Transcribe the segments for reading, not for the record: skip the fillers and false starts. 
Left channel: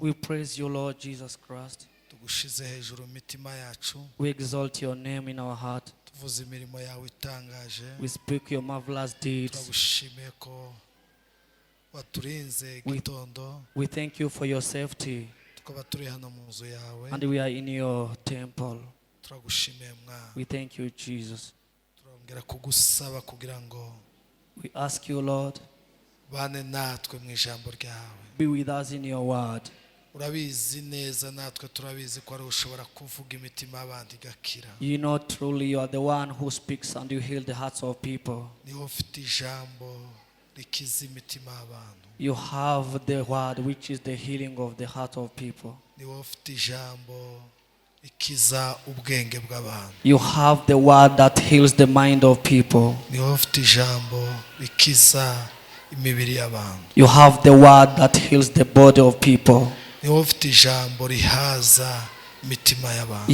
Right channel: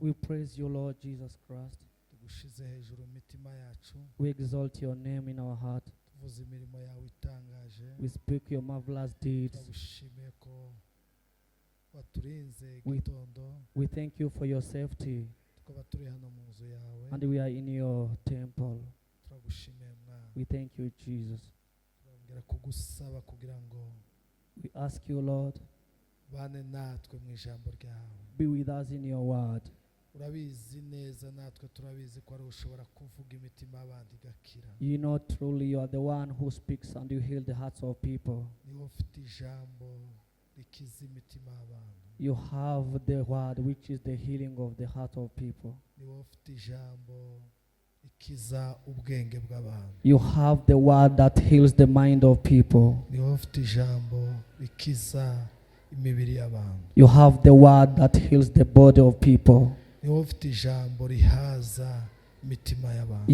We praise you, Lord Jesus Christ. We exalt your name in our heart. We speak your marvelous deeds. We thank you for your safety. And we are in your temple. We thank you, Jesus. We ask you, Lord, be with us in your word. You know truly you are the one who speaks and you heal the hearts of people. You have the word which is the healing of the heart of people. You have the word that heals the mind of people. You have the word that heals the body of people. You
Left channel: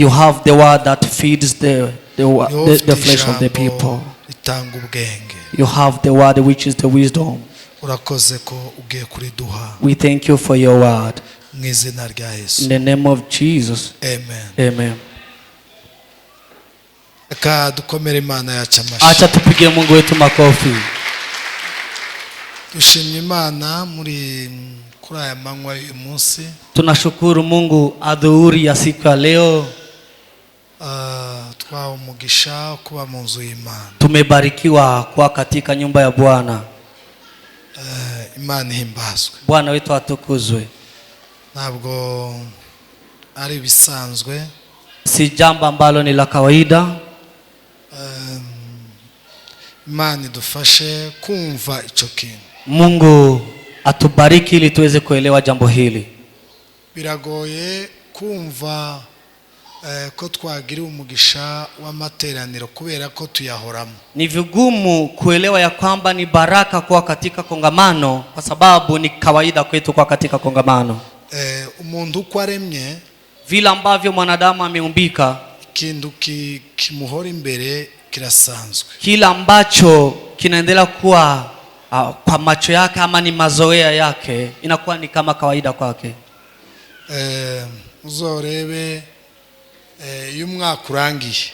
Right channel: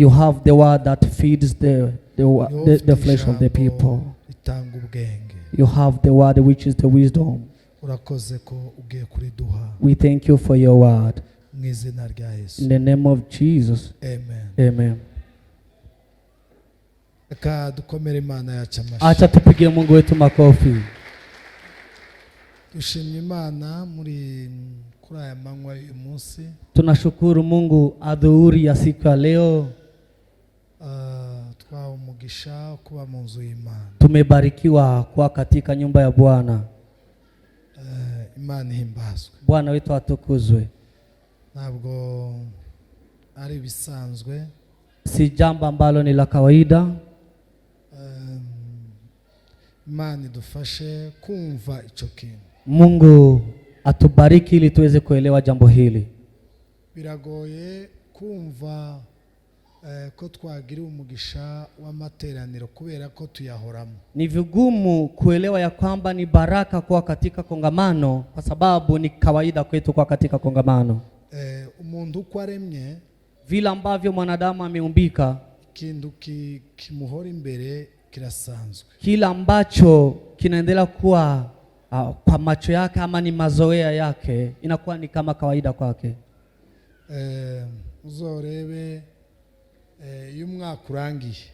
have the word that feeds the flesh of the people. You have the word which is the wisdom. We thank you for your word. In the name of Jesus. Amen. Amen. Acha tupige Mungu wetu makofi. Tunashukuru Mungu adhuhuri ya siku ya leo. Tumebarikiwa kwa katika nyumba ya Bwana. Bwana wetu atukuzwe. Ntabwo ari bisanzwe, si jambo ambalo ni la kawaida. Imana idufashe kumva ico kintu. Mungu atubariki ili tuweze kuelewa jambo hili. Biragoye kumva ko twagira umugisha w'amateraniro kubera ko tuyahoramo. Ni vigumu kuelewa ya kwamba ni baraka kwa katika kongamano kwa sababu ni kawaida kwetu kwa katika kongamano. Umuntu uko aremye, vile ambavyo mwanadamu ameumbika, ikintu kimuhora imbere kirasanzwe. Kila ambacho kinaendelea kuwa kwa macho yake ama ni mazoea yake inakuwa ni kama kawaida kwake. Uzorebe y'umwaka urangiye,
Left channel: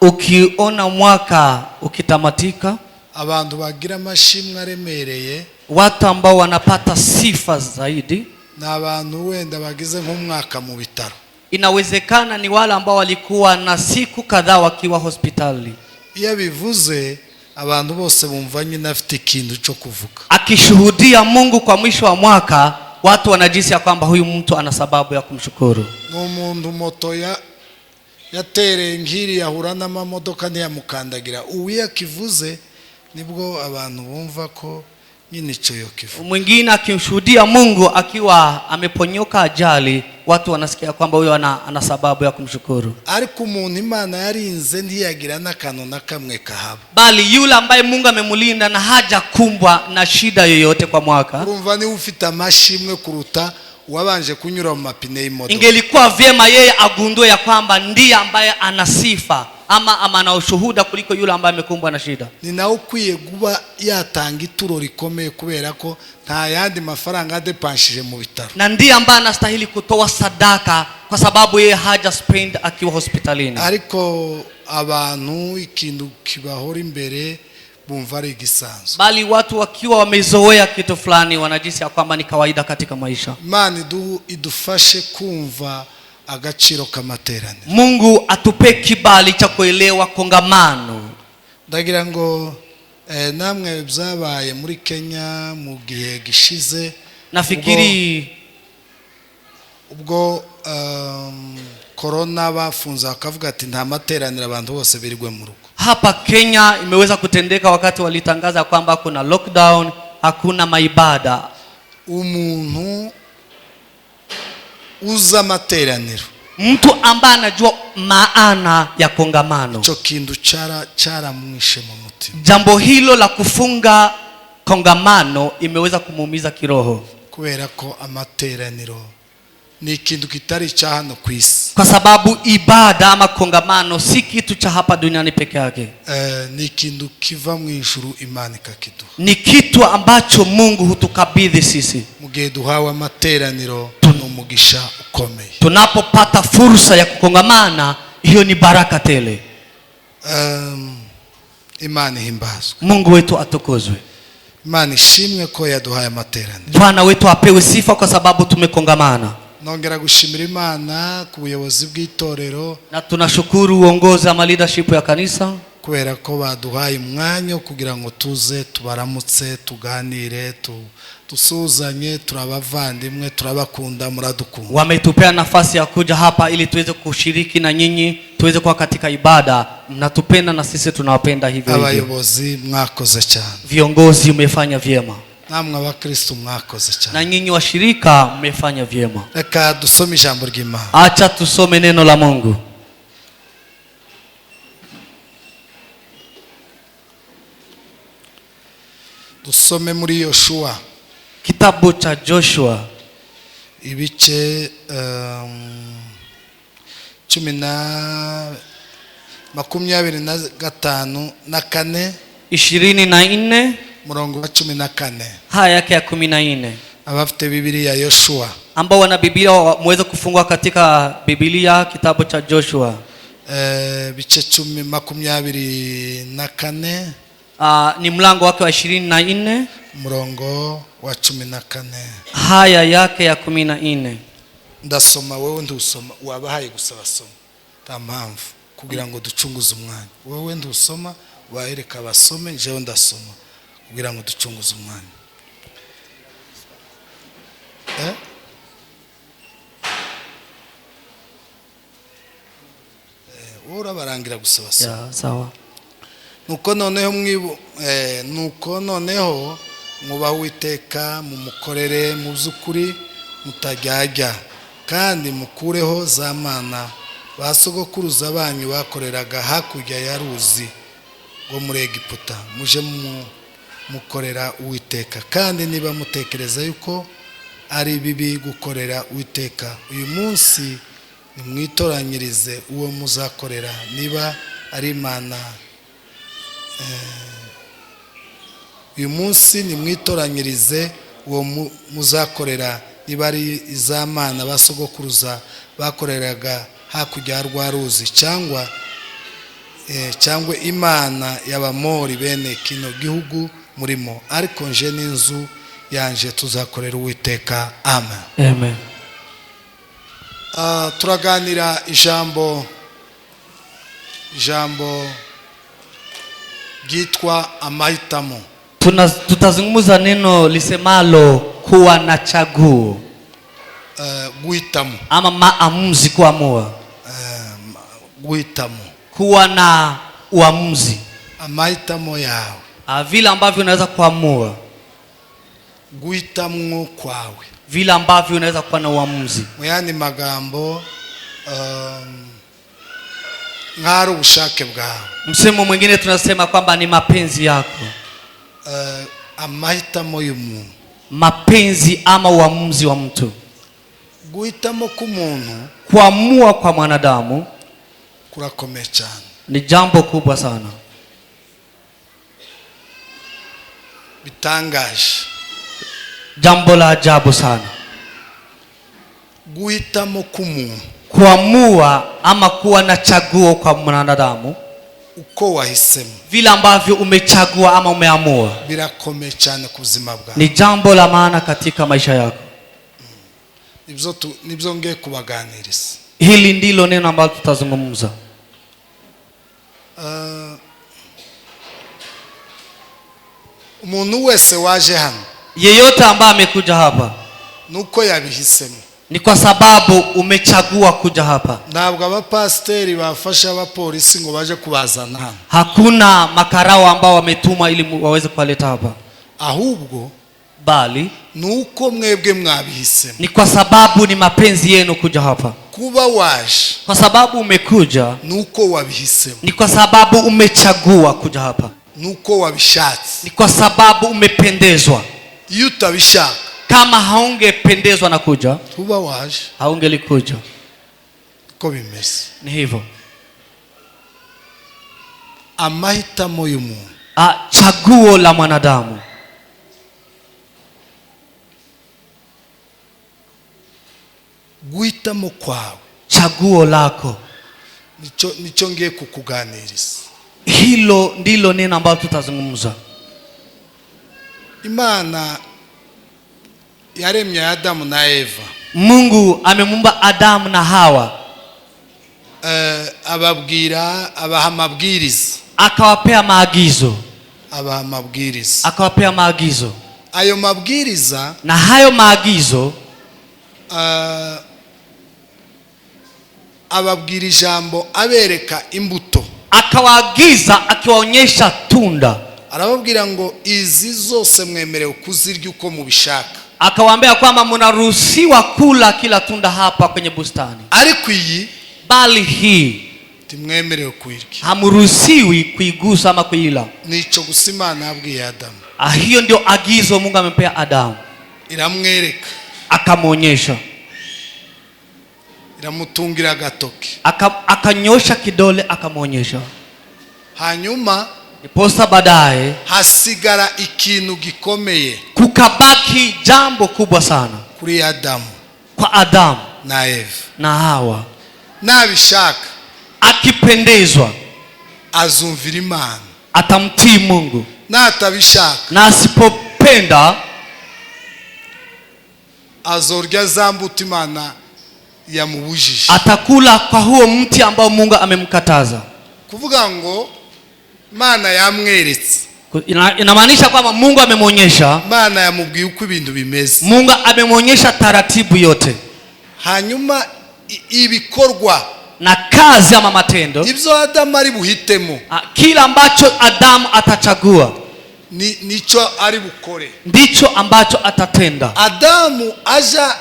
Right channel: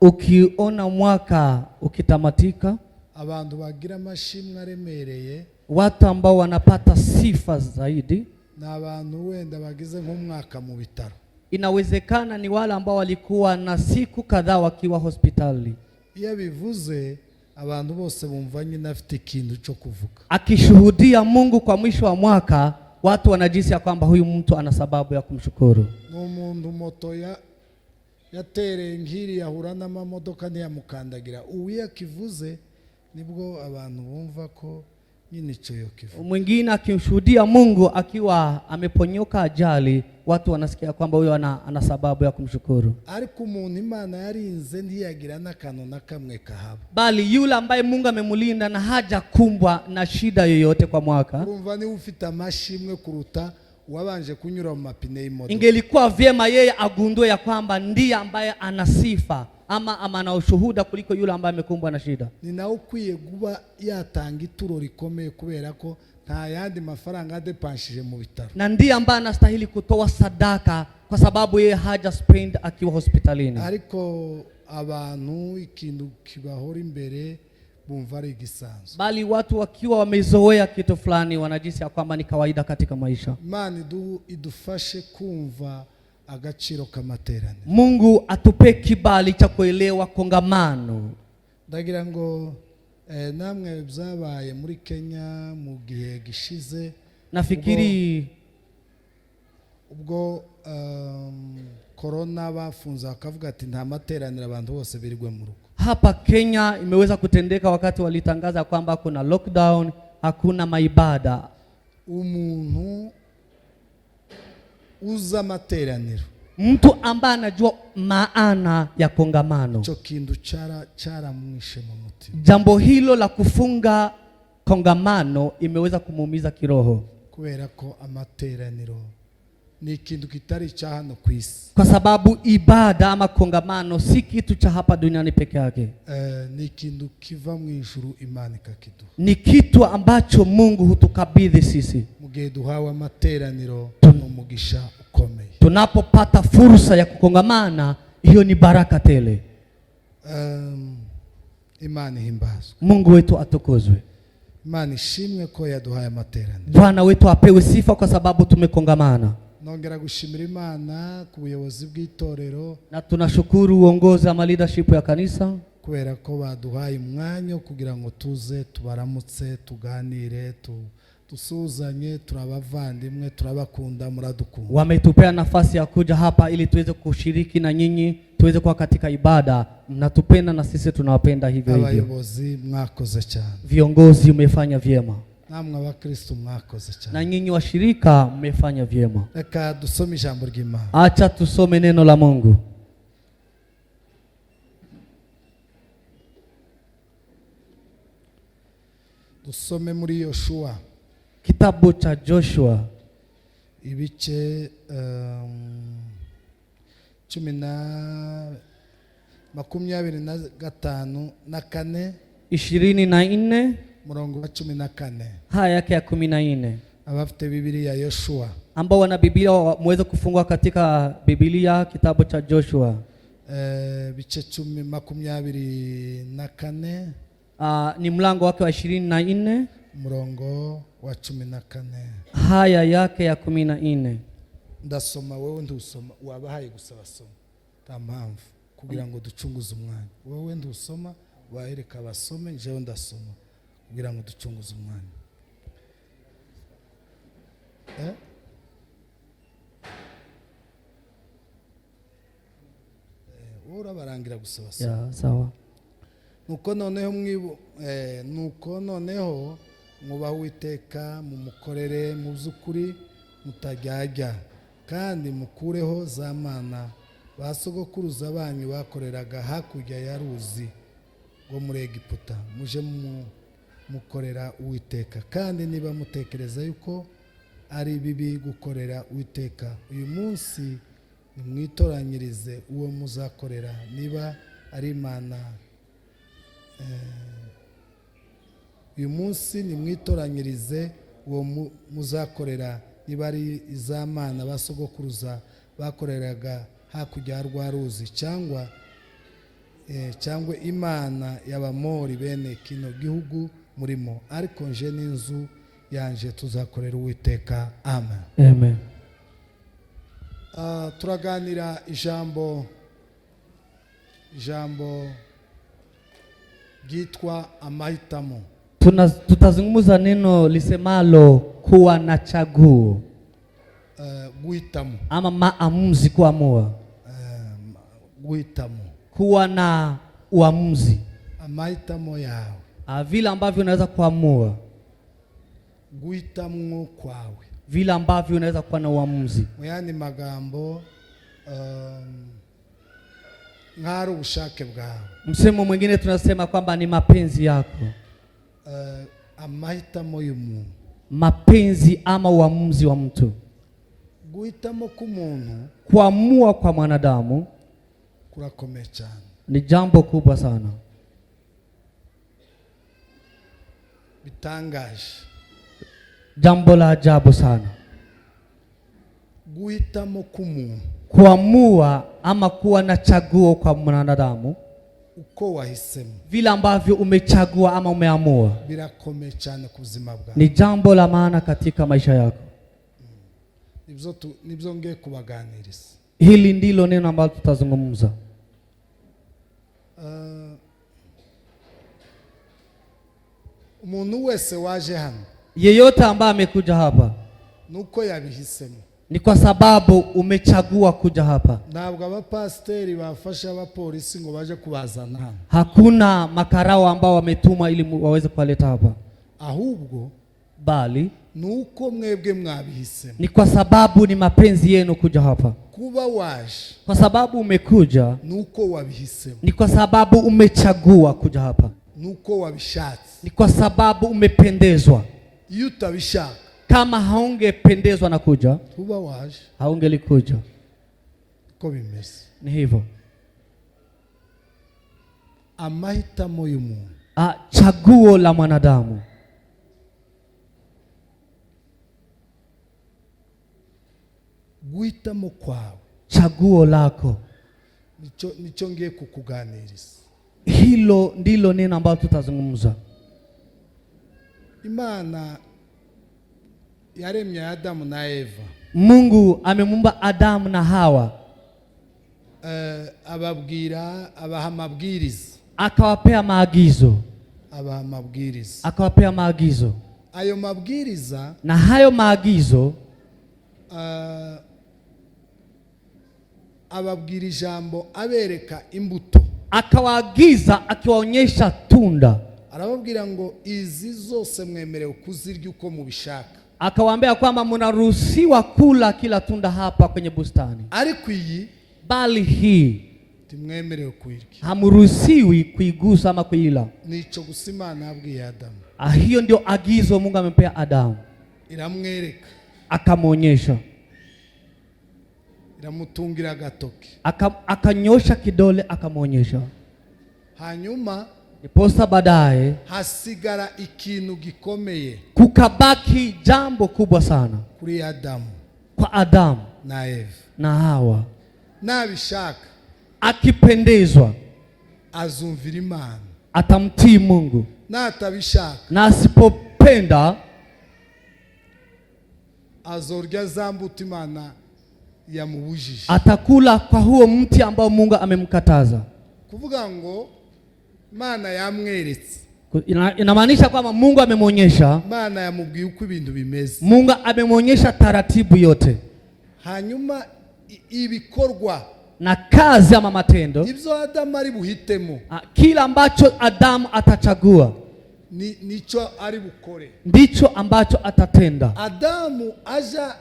ukiona mwaka ukitamatika, abantu bagira amashimwe aremereye, watu ambao wanapata sifa zaidi na abantu wenda bagize nk'umwaka mu bitaro. Inawezekana ni wale ambao walikuwa na siku kadhaa wakiwa hospitali. Iyo bivuze abantu bose bumva nyine afite ikintu cyo kuvuga. Akishuhudia Mungu kwa mwisho wa mwaka, watu wanajisi ya kwamba huyu mtu ana sababu ya kumshukuru. N'umuntu moto yatere ngiri yahura n'amamodoka ntiyamukandagira, uwi akivuze nibwo abantu bumva ko nyine cyo yokivu. Mwingine akimshuhudia Mungu akiwa ameponyoka ajali, watu wanasikia kwamba huyo ana sababu ya kumshukuru. Ariko umuntu Imana yarinze ntiyagira n'akantu na kamwe kahaba. Bali yule ambaye Mungu amemulinda na haja kumbwa na shida yoyote kwa mwaka, urumva ni ufite amashimwe kuruta wabanje kunyura mu mapine y'imodoka. Ingelikuwa vyema yeye agundue ya kwamba ndiye ambaye ana sifa ama ana ushuhuda kuliko yule ambaye amekumbwa na shida. Ni nawe ukwiye kuba yatanga ituro rikomeye kubera ko nta yandi mafaranga adepanshije mu bitaro. Na ndiye ambaye anastahili kutoa sadaka kwa sababu yeye haja spend akiwa hospitalini. Ariko abantu ikintu kibahora imbere bumva ari gisanzwe. Bali watu wakiwa wamezoea kitu fulani wanajisi ya kwamba ni kawaida katika maisha. Imana idufashe kumva agaciro k'amateraniro. Mungu atupe kibali cha kuelewa kongamano. Ndagira ngo namwe byabaye muri Kenya mu gihe gishize, nafikiri ubwo corona bafunza akavuga ati nta materaniro abantu bose birigwe mu rugo. Hapa Kenya imeweza kutendeka wakati walitangaza kwamba kuna lockdown, hakuna maibada. Umuntu uza materaniro, mtu ambaye anajua maana ya kongamano, cyo kintu cara mwishe mu mutima. Jambo hilo la kufunga kongamano imeweza kumuumiza kiroho, kubera ko amateraniro ni ikintu kitari cha hano kwisi. Kwa sababu ibada ama kongamano si kitu cha hapa duniani peke yake. Ni ikintu kiva mu ijuru Imana ikakiduha. Ni kitu ambacho Mungu hutukabidhi sisi. Mu igihe duhawe amateraniro n'umugisha ukomeye. Tunapopata fursa ya kukongamana, hiyo ni baraka tele. Imana ihimbazwe. Mungu wetu atukuzwe. Imana ishimwe ko yaduhaye amateraniro. Bwana wetu apewe sifa kwa sababu tumekongamana. Nongera gushimira Imana ku buyobozi bw'itorero, na tunashukuru uongozi ama leadership ya kanisa kubera ko baduhaye umwanya kugira ngo tuze tubaramutse, tuganire, tusuzanye, turabavandimwe, turabakunda, muradukunda. Wametupea nafasi ya kuja hapa ili tuweze kushiriki na nyinyi, tuweze kuwa katika ibada. Mnatupenda na sisi tunawapenda hivyo hivyo. Abayobozi mwakoze cyane. Viongozi umefanya vyema. Namwe abakristo mwakoze cyane. Na nyinyi washirika mmefanya vyema. Reka dusome ijambo ry'Imana. Acha tusome neno la Mungu. Dusome muri Yoshua. Kitabu cha Joshua. Ibice 24 na 24 murongo wa 14 haya yake ya 14. Abafite Biblia Yoshua, ambao wana Biblia muweze kufungua katika Biblia kitabu cha Joshua. Bice 24 ni mlango wake wa 24 murongo wa 14 haya yake ya 14. Ndasoma, wewe ndusoma, wabahaye gusaba soma tampamvu kugira ngo ducunguze umwanya. Wewe ndusoma wahereka basome, njewe ndasoma kugira ngo ducunguze umwanya. Ora barangira gusaba soma. Sawa. Nuko noneho mwubaha Uwiteka, mumukorere mu by'ukuri, mutajyajya, kandi mukureho za mana basogokuruza banyu bakoreraga hakurya ya ruzi ngo muri Egiputa, muje mukorera Uwiteka. Kandi niba mutekereza yuko ari bibi gukorera Uwiteka, uyu munsi nimwitoranyirize uwo muzakorera, niba ari Imana. Uyu munsi nimwitoranyirize uwo muzakorera, niba ari izamana basogokuruza bakoreraga hakurya rwa ruzi, cyangwa Imana y'Abamori bene kino gihugu murimo. Ariko nje n'inzu yanje tuzakorera Uwiteka. Amen. Amen. Turaganira ijambo gitwa amahitamo. Tutazungumza neno lisemalo kuwa na chaguo. Guhitamo ama maamuzi, kuamua. Guhitamo, kuwa na uamuzi. amahitamo yawe, vile ambavyo unaweza kuamua. Guhitamo kwawe, vile ambavyo unaweza kuwa na uamuzi. Muyandi magambo ngaro ubushake bwawe. Msemo mwingine tunasema kwamba ni mapenzi yako. Amahitamo y'umuntu, mapenzi ama uamuzi wa mtu. Guhitamo k'umuntu, kuamua kwa mwanadamu, kurakomeye cyane, ni jambo kubwa sana, bitangaje, jambo la ajabu sana. Guhitamo k'umuntu, kuamua ama kuwa na chaguo kwa mwanadamu, uko wahisemo, vile ambavyo umechagua ama umeamua, birakomeye cyane ku buzima bwawe, ni jambo la maana katika maisha yako. Nibyo ngiye kubaganiriza. Hili ndilo neno ambalo tutazungumza. Umuntu wese waje hano, yeyote ambaye amekuja hapa, nuko yabihisemo, ni kwa sababu umechagua kuja hapa. Ntabwo abapasteri bafasha abapolisi ngo baje kubazana hano. Hakuna makarao ambao wametuma ili waweze kuwaleta hapa. Ahubwo bali nuko mwebwe mwabihisemo, ni kwa sababu ni mapenzi yenu kuja hapa. Kuba waje, kwa sababu umekuja, nuko wabihisemo, ni kwa sababu umechagua kuja hapa, nuko wabishatse, ni kwa sababu umependezwa. Iyo utabishaka, kama haungependezwa na kuja, kuba waje, haungelikuja. Ko bimeze, ni hivyo. Amahitamo y'umuntu, chaguo la mwanadamu. guhitamo kwawe, chaguo lako, nicho ngiye kukuganiriza. Hilo ndilo neno ambalo tutazungumza. Imana yaremye Adamu na Eva. Mungu amemuumba Adamu na Hawa. Abaha mabwiriza. Akawapea maagizo. Akawapea maagizo. Ayo mabwiriza, na hayo maagizo ababwira ijambo abereka imbuto. Akawaagiza akiwaonyesha tunda. Arababwira ngo izi zose mwemerewe kuzirya uko mubishaka. Akawaambia kwamba mnaruhusiwa kula kila tunda hapa kwenye bustani. Ariko iyi, bali hii timwemerewe kuirya. Hamuruhusiwi kuigusa ama kuila. Nico gusa Imana yabwiye Adamu. Hiyo ndio agizo Mungu amempea Adamu. Iramwereka. Akamuonyesha. Iramutungira agatoki. Akanyosha kidole akamuonyesha. Hanyuma iposa baadaye hasigara ikintu gikomeye. Kukabaki jambo kubwa sana kuri Adamu. Kwa Adamu na Eva na Hawa. Nabishaka, akipendezwa, azumvira Imana, atamtii Mungu. Na atabishaka, na asipopenda, azorya zambuto Imana yamubujije. Atakula kwa huo mti ambao Mungu amemkataza. Kuvuga ngo Imana yamweretse. Inamaanisha kwamba Mungu amemwonyesha. Imana yamubwiye uko ibintu bimeze. Mungu amemwonyesha taratibu yote. Hanyuma ibikorwa na kazi ama matendo, ibyo Adamu ari buhitemo, kila ambacho Adamu atachagua, nicho ari bukore, ndicho ambacho atatenda. Adamu aja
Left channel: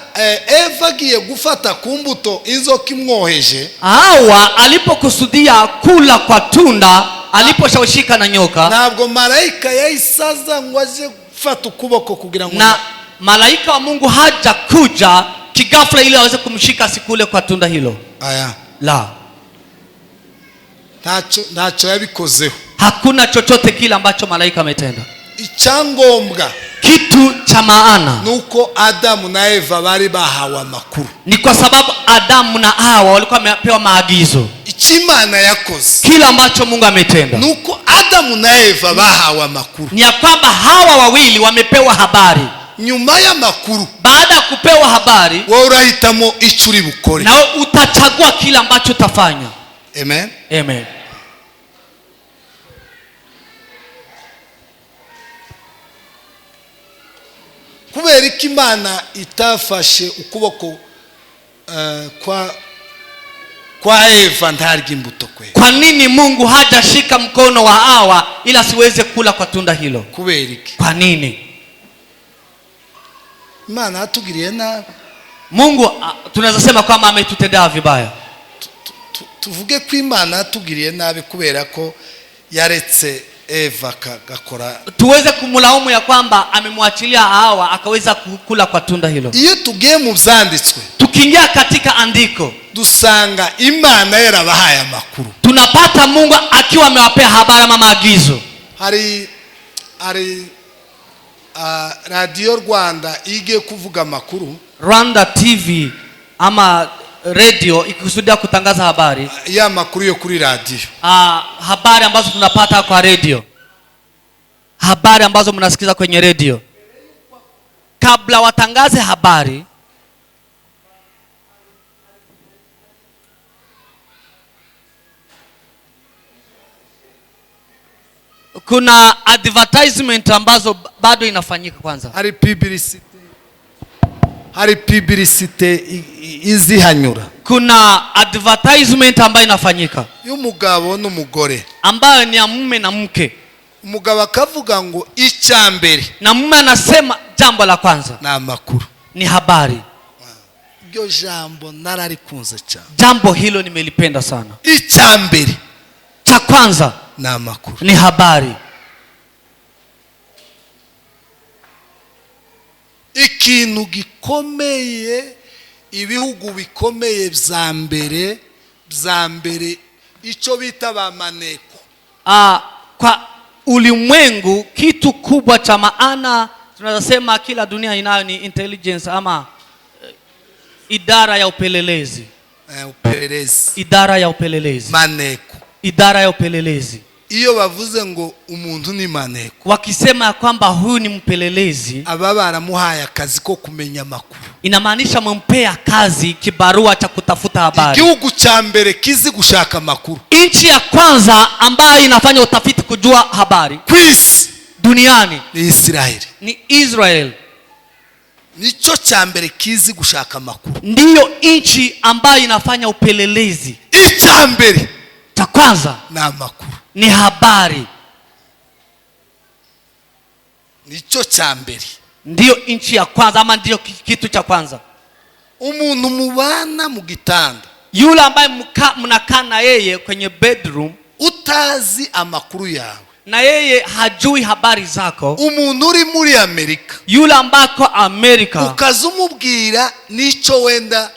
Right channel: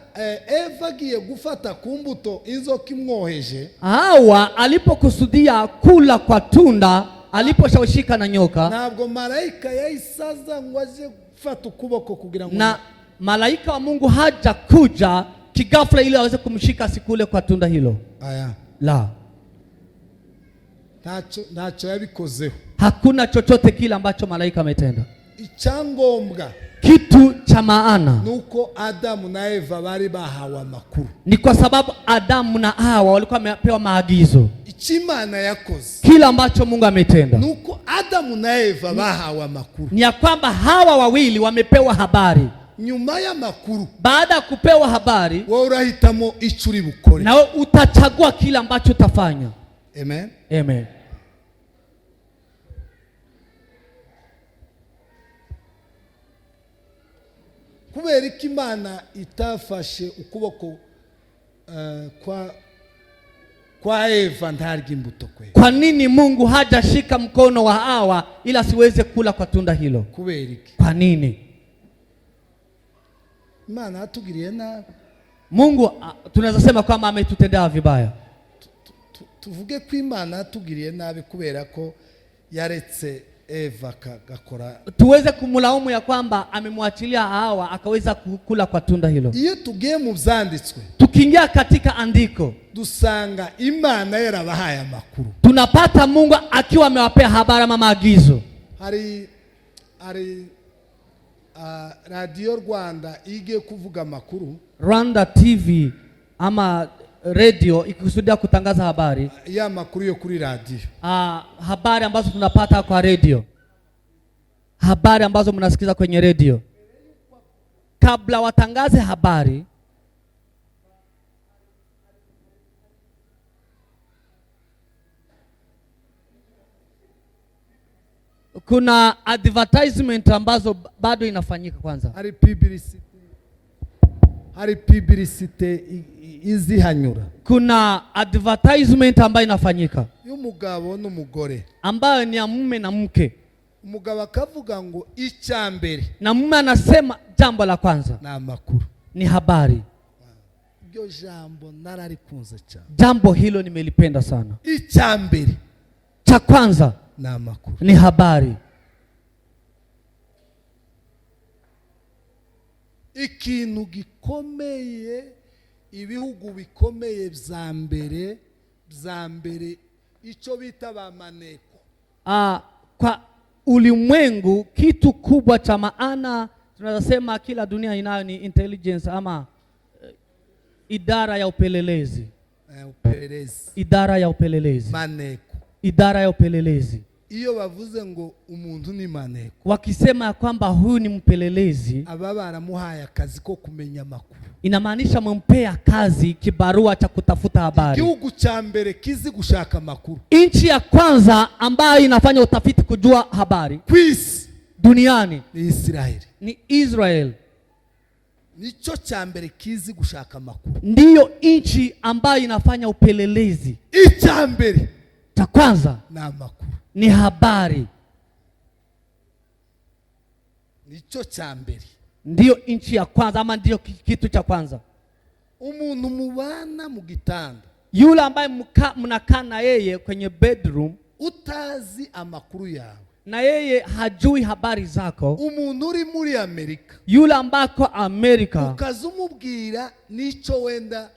Eva agiye gufata kumbuto inzoka imwoheje. Hawa alipokusudia kula kwa tunda, aliposhawishika na nyoka, ntabwo malaika yayisaza ngo aje gufata ukuboko kugira ngo, na malaika wa Mungu haja kuja kigafla ili aweze kumshika sikule kwa tunda hilo. Aya. La. Nacho yabikozeho. Hakuna chochote kile ambacho malaika ametenda. Icyangombwa, kitu cha maana, nuko Adamu na Eva bari bahawe amakuru. Ni kwa sababu Adamu na Hawa walikuwa wamepewa maagizo. Imana yakoze, kila ambacho Mungu ametenda, nuko Adamu na Eva bahawe amakuru. Ni ya kwamba hawa wawili wamepewa habari. Nyuma ya makuru, baada ya kupewa habari, wewe urahitamo icyo uri bukore, na utachagua kila ambacho utafanya. Amen. Amen. Kubera ko Imana itafashe ukuboko kwa Eva ntarya imbuto kwe. Kwa nini Mungu hajashika mkono wa Hawa ila asiweze kula kwa tunda hilo? Kubera iki? Kwa nini? Imana atugiriye nabi. Mungu tunaweza sema kwamba ametutendea vibaya. Tuvuge ko Imana atugiriye nabi kubera ko yaretse Eva gakora. Tuweze kumlaumu ya kwamba amemwachilia Hawa akaweza kukula kwa tunda hilo. Iyo tugiye mu byanditswe, tukiingia katika andiko, dusanga Imana yarabahaye amakuru. Tunapata Mungu akiwa amewapea habari ama maagizo. Hari Radio Rwanda igiye kuvuga amakuru. Rwanda TV ama radio ikikusudia kutangaza habari. Ya makuru yo kuri radio. Habari ambazo tunapata kwa radio. Habari ambazo mnasikiza kwenye radio. Kabla watangaze habari, kuna advertisement ambazo bado inafanyika kwanza. Hari publicity izihanyura. Kuna advertisement ambayo inafanyika y'umugabo n'umugore, ambayo ni ya mume na mke. Umugabo akavuga ngo icyambere, na mume anasema jambo la kwanza na amakuru, ni habari. Iryo jambo nararikunze cyane. Jambo hilo nimelipenda sana. Icyambere, cha kwanza, na amakuru, ni habari. Ikintu gikomeye, ibihugu bikomeye bya mbere icyo bita bamaneko. Kwa ulimwengu kitu kubwa cha maana tunaweza sema kila dunia inayo ni intelligence ama idara ya upelelezi. Upelelezi. Idara ya upelelezi. Maneko. Idara ya upelelezi. Iyo bavuze ngo umuntu ni maneko, wakisema kwamba huyu ni mpelelezi, aba baramuhaye akazi ko kumenya amakuru, inamaanisha mumpea kazi, kibarua cha kutafuta habari. Igihugu cha mbere kizi gushaka amakuru, nchi ya kwanza ambayo inafanya utafiti kujua habari kwisi duniani ni Israeli. Ni Israel. Nicho cha mbere kizi gushaka amakuru, ndiyo nchi ambayo inafanya upelelezi. Icha mbere cha kwanza na amakuru ni habari. Nicho cha mbere, ndiyo nchi ya kwanza ama ndiyo kitu cha kwanza. Umuntu mubana mu gitanda, yule ambaye mnakaa na yeye kwenye bedroom, utazi amakuru yawe, na yeye hajui habari zako. Umuntu uri muri Amerika, yule ambako Amerika, ukazumubwira nicho wenda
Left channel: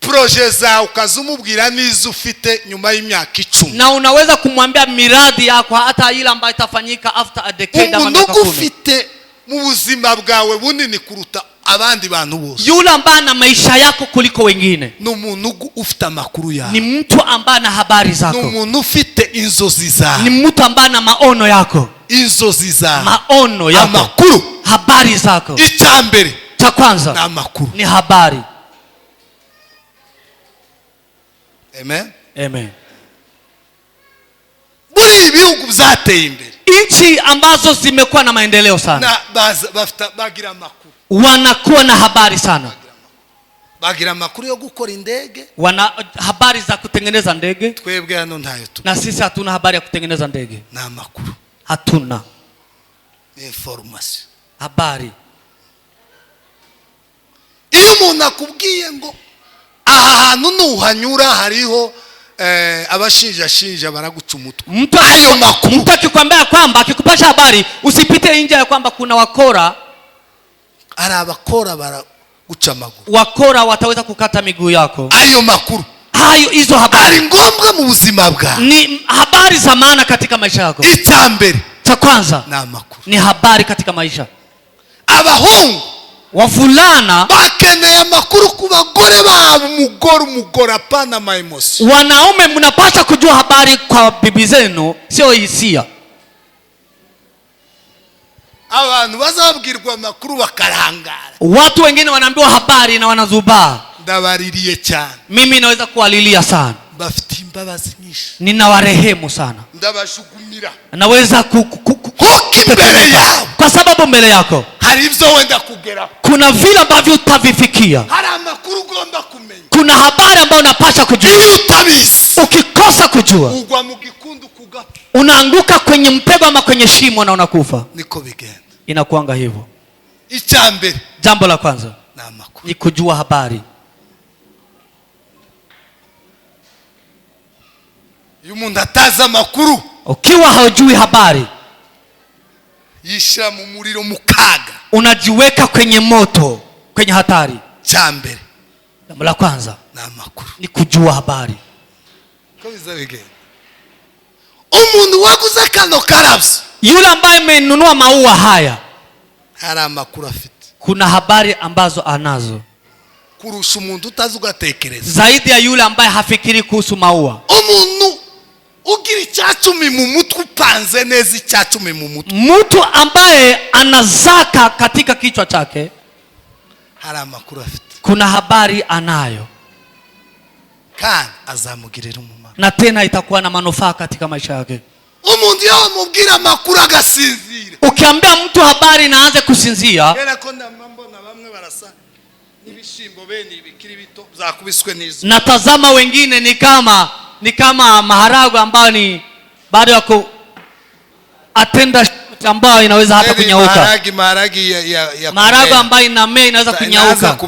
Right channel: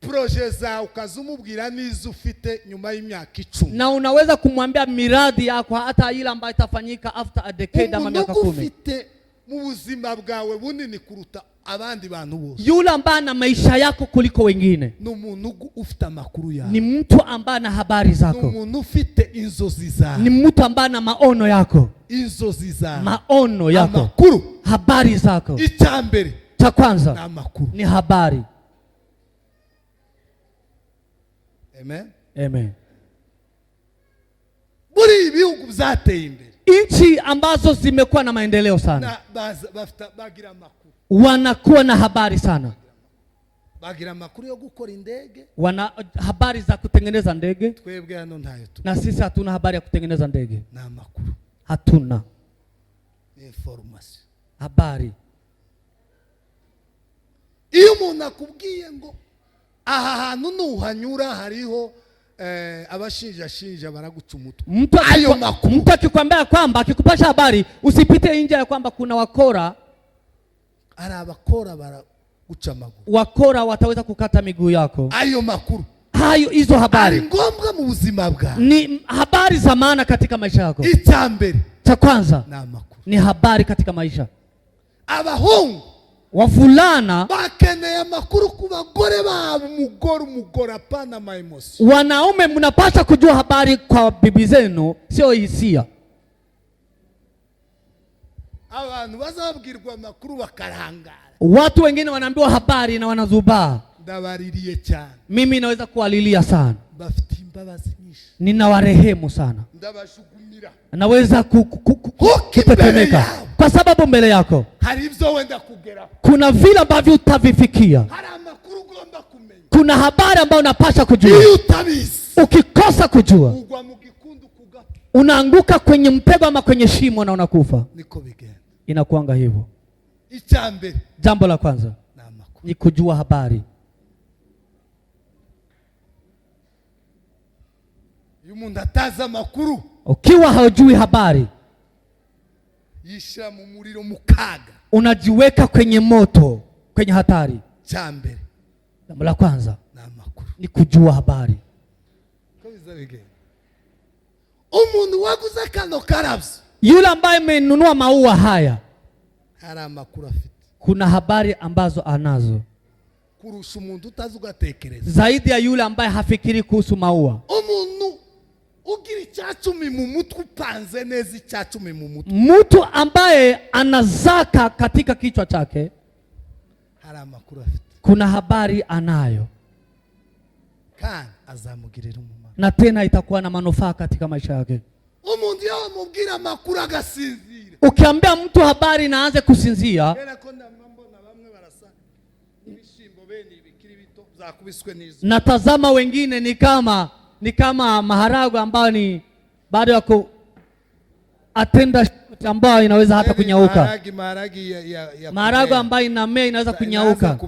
proje za, ukazumubwira nizo ufite nyuma y'imyaka 10, na unaweza kumwambia miradi yako hata ile ambayo itafanyika after a decade ama miaka 10. Ufite mu buzima bwawe bunini kuruta abandi bantu bose, yule ambaye na maisha yako kuliko wengine, ni umuntu ufite amakuru yawe, ni mtu ambaye na habari zako, ni umuntu ufite inzozi zawe, ni mtu ambaye na maono yako, inzozi zawe, maono yako, amakuru, habari zako. Icya mbere cha kwanza na amakuru, ni habari. Amen. Amen. Buri ibihugu byateye imbere, nchi ambazo zimekuwa na maendeleo sana, na bagira amakuru, wanakuwa na habari sana, bagira amakuru yo gukora indege, wana habari za kutengeneza ndege. Twebwe hano ntayo tu, na sisi hatuna habari ya kutengeneza ndege, na amakuru hatuna information, habari. Iyo umuntu akubwiye ngo aha hantu nuhanyura hariho abashinja baraguca umutwe, ayo makuru, mtu akikwambia kwamba, akikupasha habari usipite nje ya kwamba kuna wakora, ari abakora baraguca amaguru, wakora wataweza kukata miguu yako. Ayo makuru, hizo habari ari ngombwa mu buzima bwa, ni habari za maana katika maisha yako. Icya mbere cha kwanza na amakuru, ni habari katika maisha. Abahungu wavulana bakeneye amakuru ku bagore babo, umugore apana ama emotion. Wanaume mnapaswa kujua habari kwa bibi zenu, sio hisia. Abantu bazabwirwa amakuru bakarangara, watu wengine wanaambiwa habari na wanazubaa. Ndabaririye cyane, mimi naweza kuwalilia sana, bafite imbabazi nyinshi, ninawarehemu sana, ndabashugumira, naweza kutetemeka kwa sababu mbele yako hari ibyo wenda kugera, kuna vile ambavyo utavifikia, hari amakuru ugomba kumenya, kuna habari ambayo unapaswa kujua. Iyo utabizi, ukikosa kujua, ugwa mu gikundu kugapfa, unaanguka kwenye mtego ama kwenye shimo na unakufa. Niko bigenda, inakuanga hivyo. Icya mbere, jambo la kwanza na amakuru, ni kujua habari. Iyo umuntu ataza amakuru, ukiwa haujui habari, yisha mu muriro mukaga, unajiweka kwenye moto, kwenye hatari. Cya mbere, jambo la kwanza na amakuru, ni kujua habari. Ko bizabigenda. Umuntu waguze kano karabyo, yule ambaye amenunua maua haya, hari amakuru afite, kuna habari ambazo anazo kurusha umuntu utazi ugatekereza, zaidi ya yule ambaye hafikiri kuhusu maua. Umuntu ugira icyacumi mu mutwe, upanze neza icyacumi mu mutwe, mtu ambaye anazaka katika kichwa chake, hari amakuru afite, kuna habari anayo, kandi azamugirira umumaro, na tena itakuwa na manufaa katika maisha yake. Umuntu yamubwira amakuru agasinzira, ukiambia mtu habari na aanze kusinzia, era ko ndambona bamwe barasa n'ibishimbo bene ibikiri bito zakubiswe n'izo, natazama wengine ni kama maharagwe ambayo ni baada ya atenda ambayo inaweza hata kunyauka. Maharagwe ambayo inamea inaweza kunyauka,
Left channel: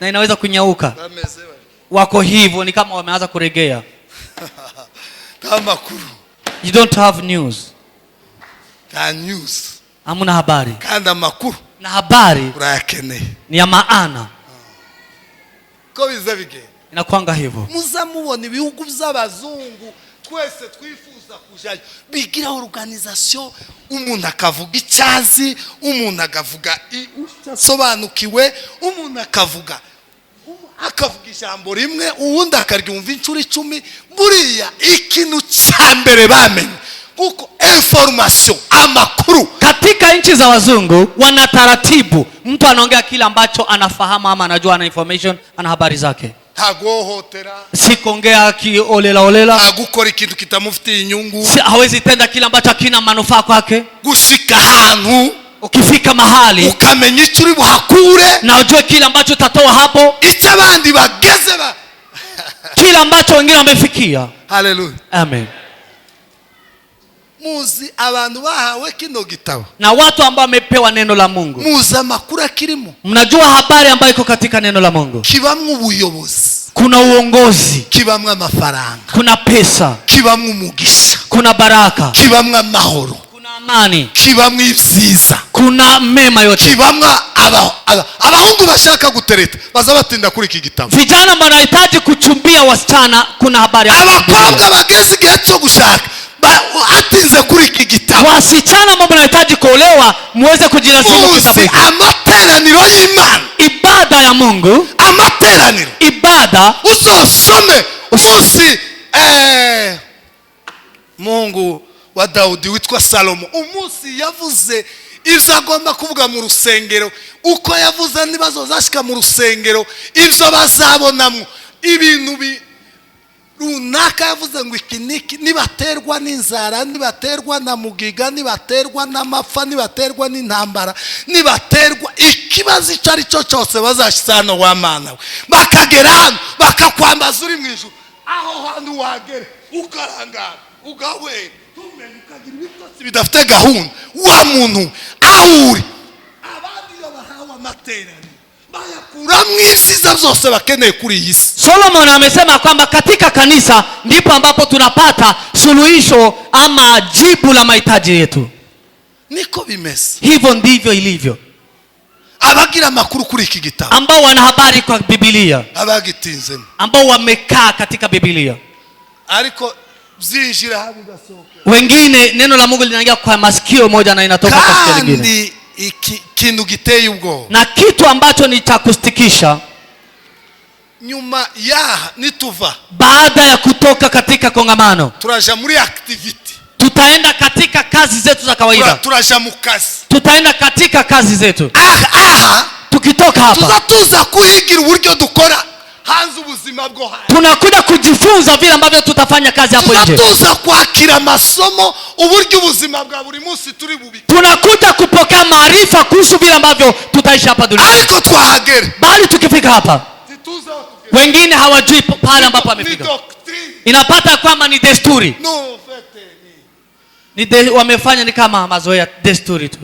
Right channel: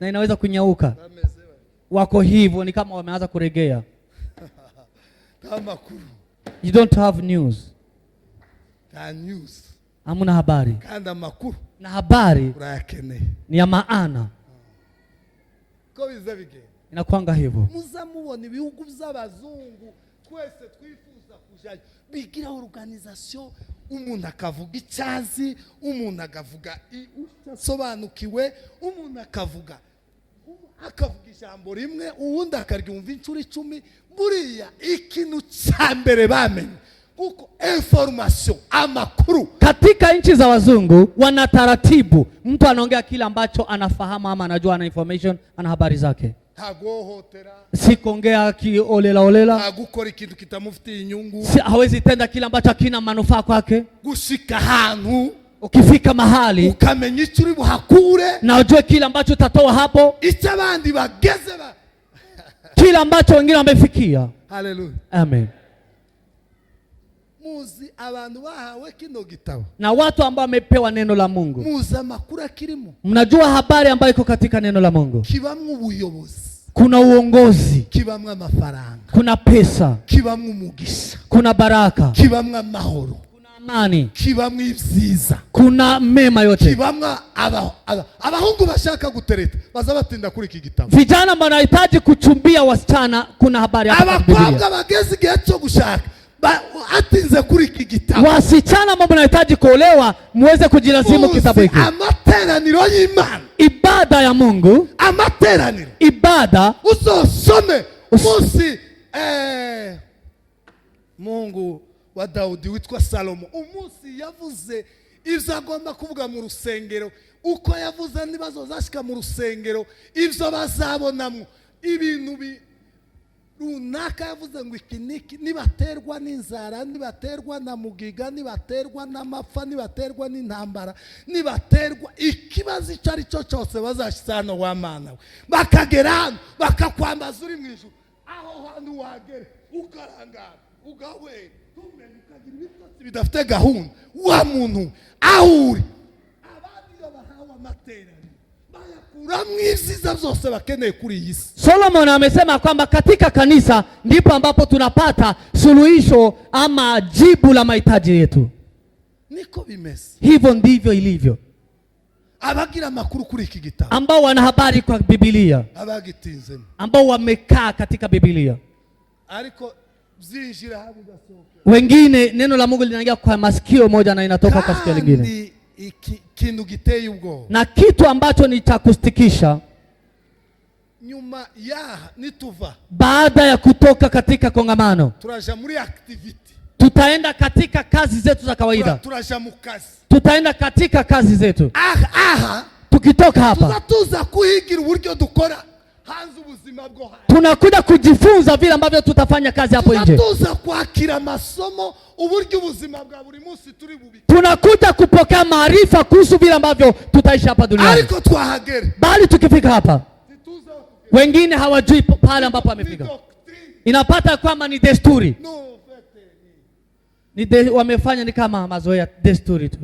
na inaweza kunyauka. Wako hivyo, ni kama wameanza kuregea. You don't have news. Hamuna habari. Na habari ni ya maana. Ko bizabige. Inakuanga hivyo. Muzamubona ibihugu by'abazungu twese twifuza kujayo bigira organisation umuntu akavuga icyazi umuntu akavuga sobanukiwe umuntu akavuga ijambo rimwe uwundi akaryumva inshuro 10 buriya ikintu cyambere bamenye kuko information amakuru katika nchi za wazungu wana taratibu. Mtu anaongea kile ambacho anafahamu ama anajua, ana information, ana habari zake. Hagohotera, si kuongea olela, hagukora ikintu kitamufitiye inyungu, hawezi tenda kile ambacho hakina manufaa kwake. Gushika ahantu, ukifika mahali ukamenya icyo uri buhakure na ujue kile ambacho utatoa hapo, icyo abandi bageze kile ambacho wengine wamefikia. Hallelujah, amen. Muzi abantu bahawe kino gitabo na watu ambao wamepewa neno la Mungu, muzi amakuru akirimo, mnajua habari ambayo iko katika neno la Mungu. Kibamwe ubuyobozi, kuna uongozi, kibamwe amafaranga, kuna pesa, kibamwe umugisha, kuna baraka, kibamwe amahoro, kuna amani, kibamwe ibyiza, kuna mema yote. Kibamwe abahungu bashaka gutereta bazabatinda kuri iki gitabo, vijana wanahitaji kuchumbia wasichana, kuna habari hapo. Abakobwa bageze igihe cyo gushaka atinze kuri iki gitabo, wasichana ambao wanahitaji kuolewa muweze kujilazimu kitabu hiki. Amateraniro y'Imana, ibada ya Mungu, amateraniro, ibada uzosome umunsi Mungu wa Daudi witwa Salomo, umunsi yavuze ibyo agomba kuvuga mu rusengero, uko yavuze nibazo zashika mu rusengero, ibyo bazabonamo ibintu runaka. Yavuze ngo iki nibaterwa n'inzara, nibaterwa na mugiga, nibaterwa n'amapfa, nibaterwa n'intambara, nibaterwa ikibazo icyo ari cyo cyose, bazashyisano wa Mana we bakagera hano bakakwambaza uri mu ijuru. Aho hantu wagere ukarangara ugahwera tumenye ukagira ibitotsi bidafite gahunda, wa muntu aho uri. Abandi bahawe amateraniro bayakura mw'ibyiza byose bakeneye kuri iyi si. Solomon amesema kwamba katika kanisa ndipo ambapo tunapata suluhisho ama jibu la mahitaji yetu. Niko bimeze, hivyo ndivyo ilivyo. Abagira makuru kuri iki gitabo, ambao wana habari kwa Biblia, abagitinzemo, ambao wamekaa katika Biblia, ariko zinjira habi gasoka. Wengine neno la Mungu linaingia kwa masikio moja na inatoka kwa sikio lingine. Kintu giteye ubwo, na kitu ambacho ni cha kustikisha, nyuma ya nituva, baada ya kutoka katika kongamano, turaja muri activity, tutaenda katika kazi zetu za kawaida, turaja mu kazi, tutaenda katika kazi zetu. Aha, tukitoka hapa tuzatuza kuhigira uburyo dukora hanze ubuzima bwo hanze, tunakuja kujifunza vile ambavyo tutafanya kazi hapo nje, tuzatuza kwakira masomo uburyo ubuzima bwa buri munsi turi bubi, tunakuja kupokea maarifa kuhusu vile ambavyo tutaishi hapa duniani. Ariko twahagere, bali tukifika hapa wengine hawajui pale ambapo amefika. Inapata kwamba ni desturi, wamefanya ni kama mazoea, desturi tu.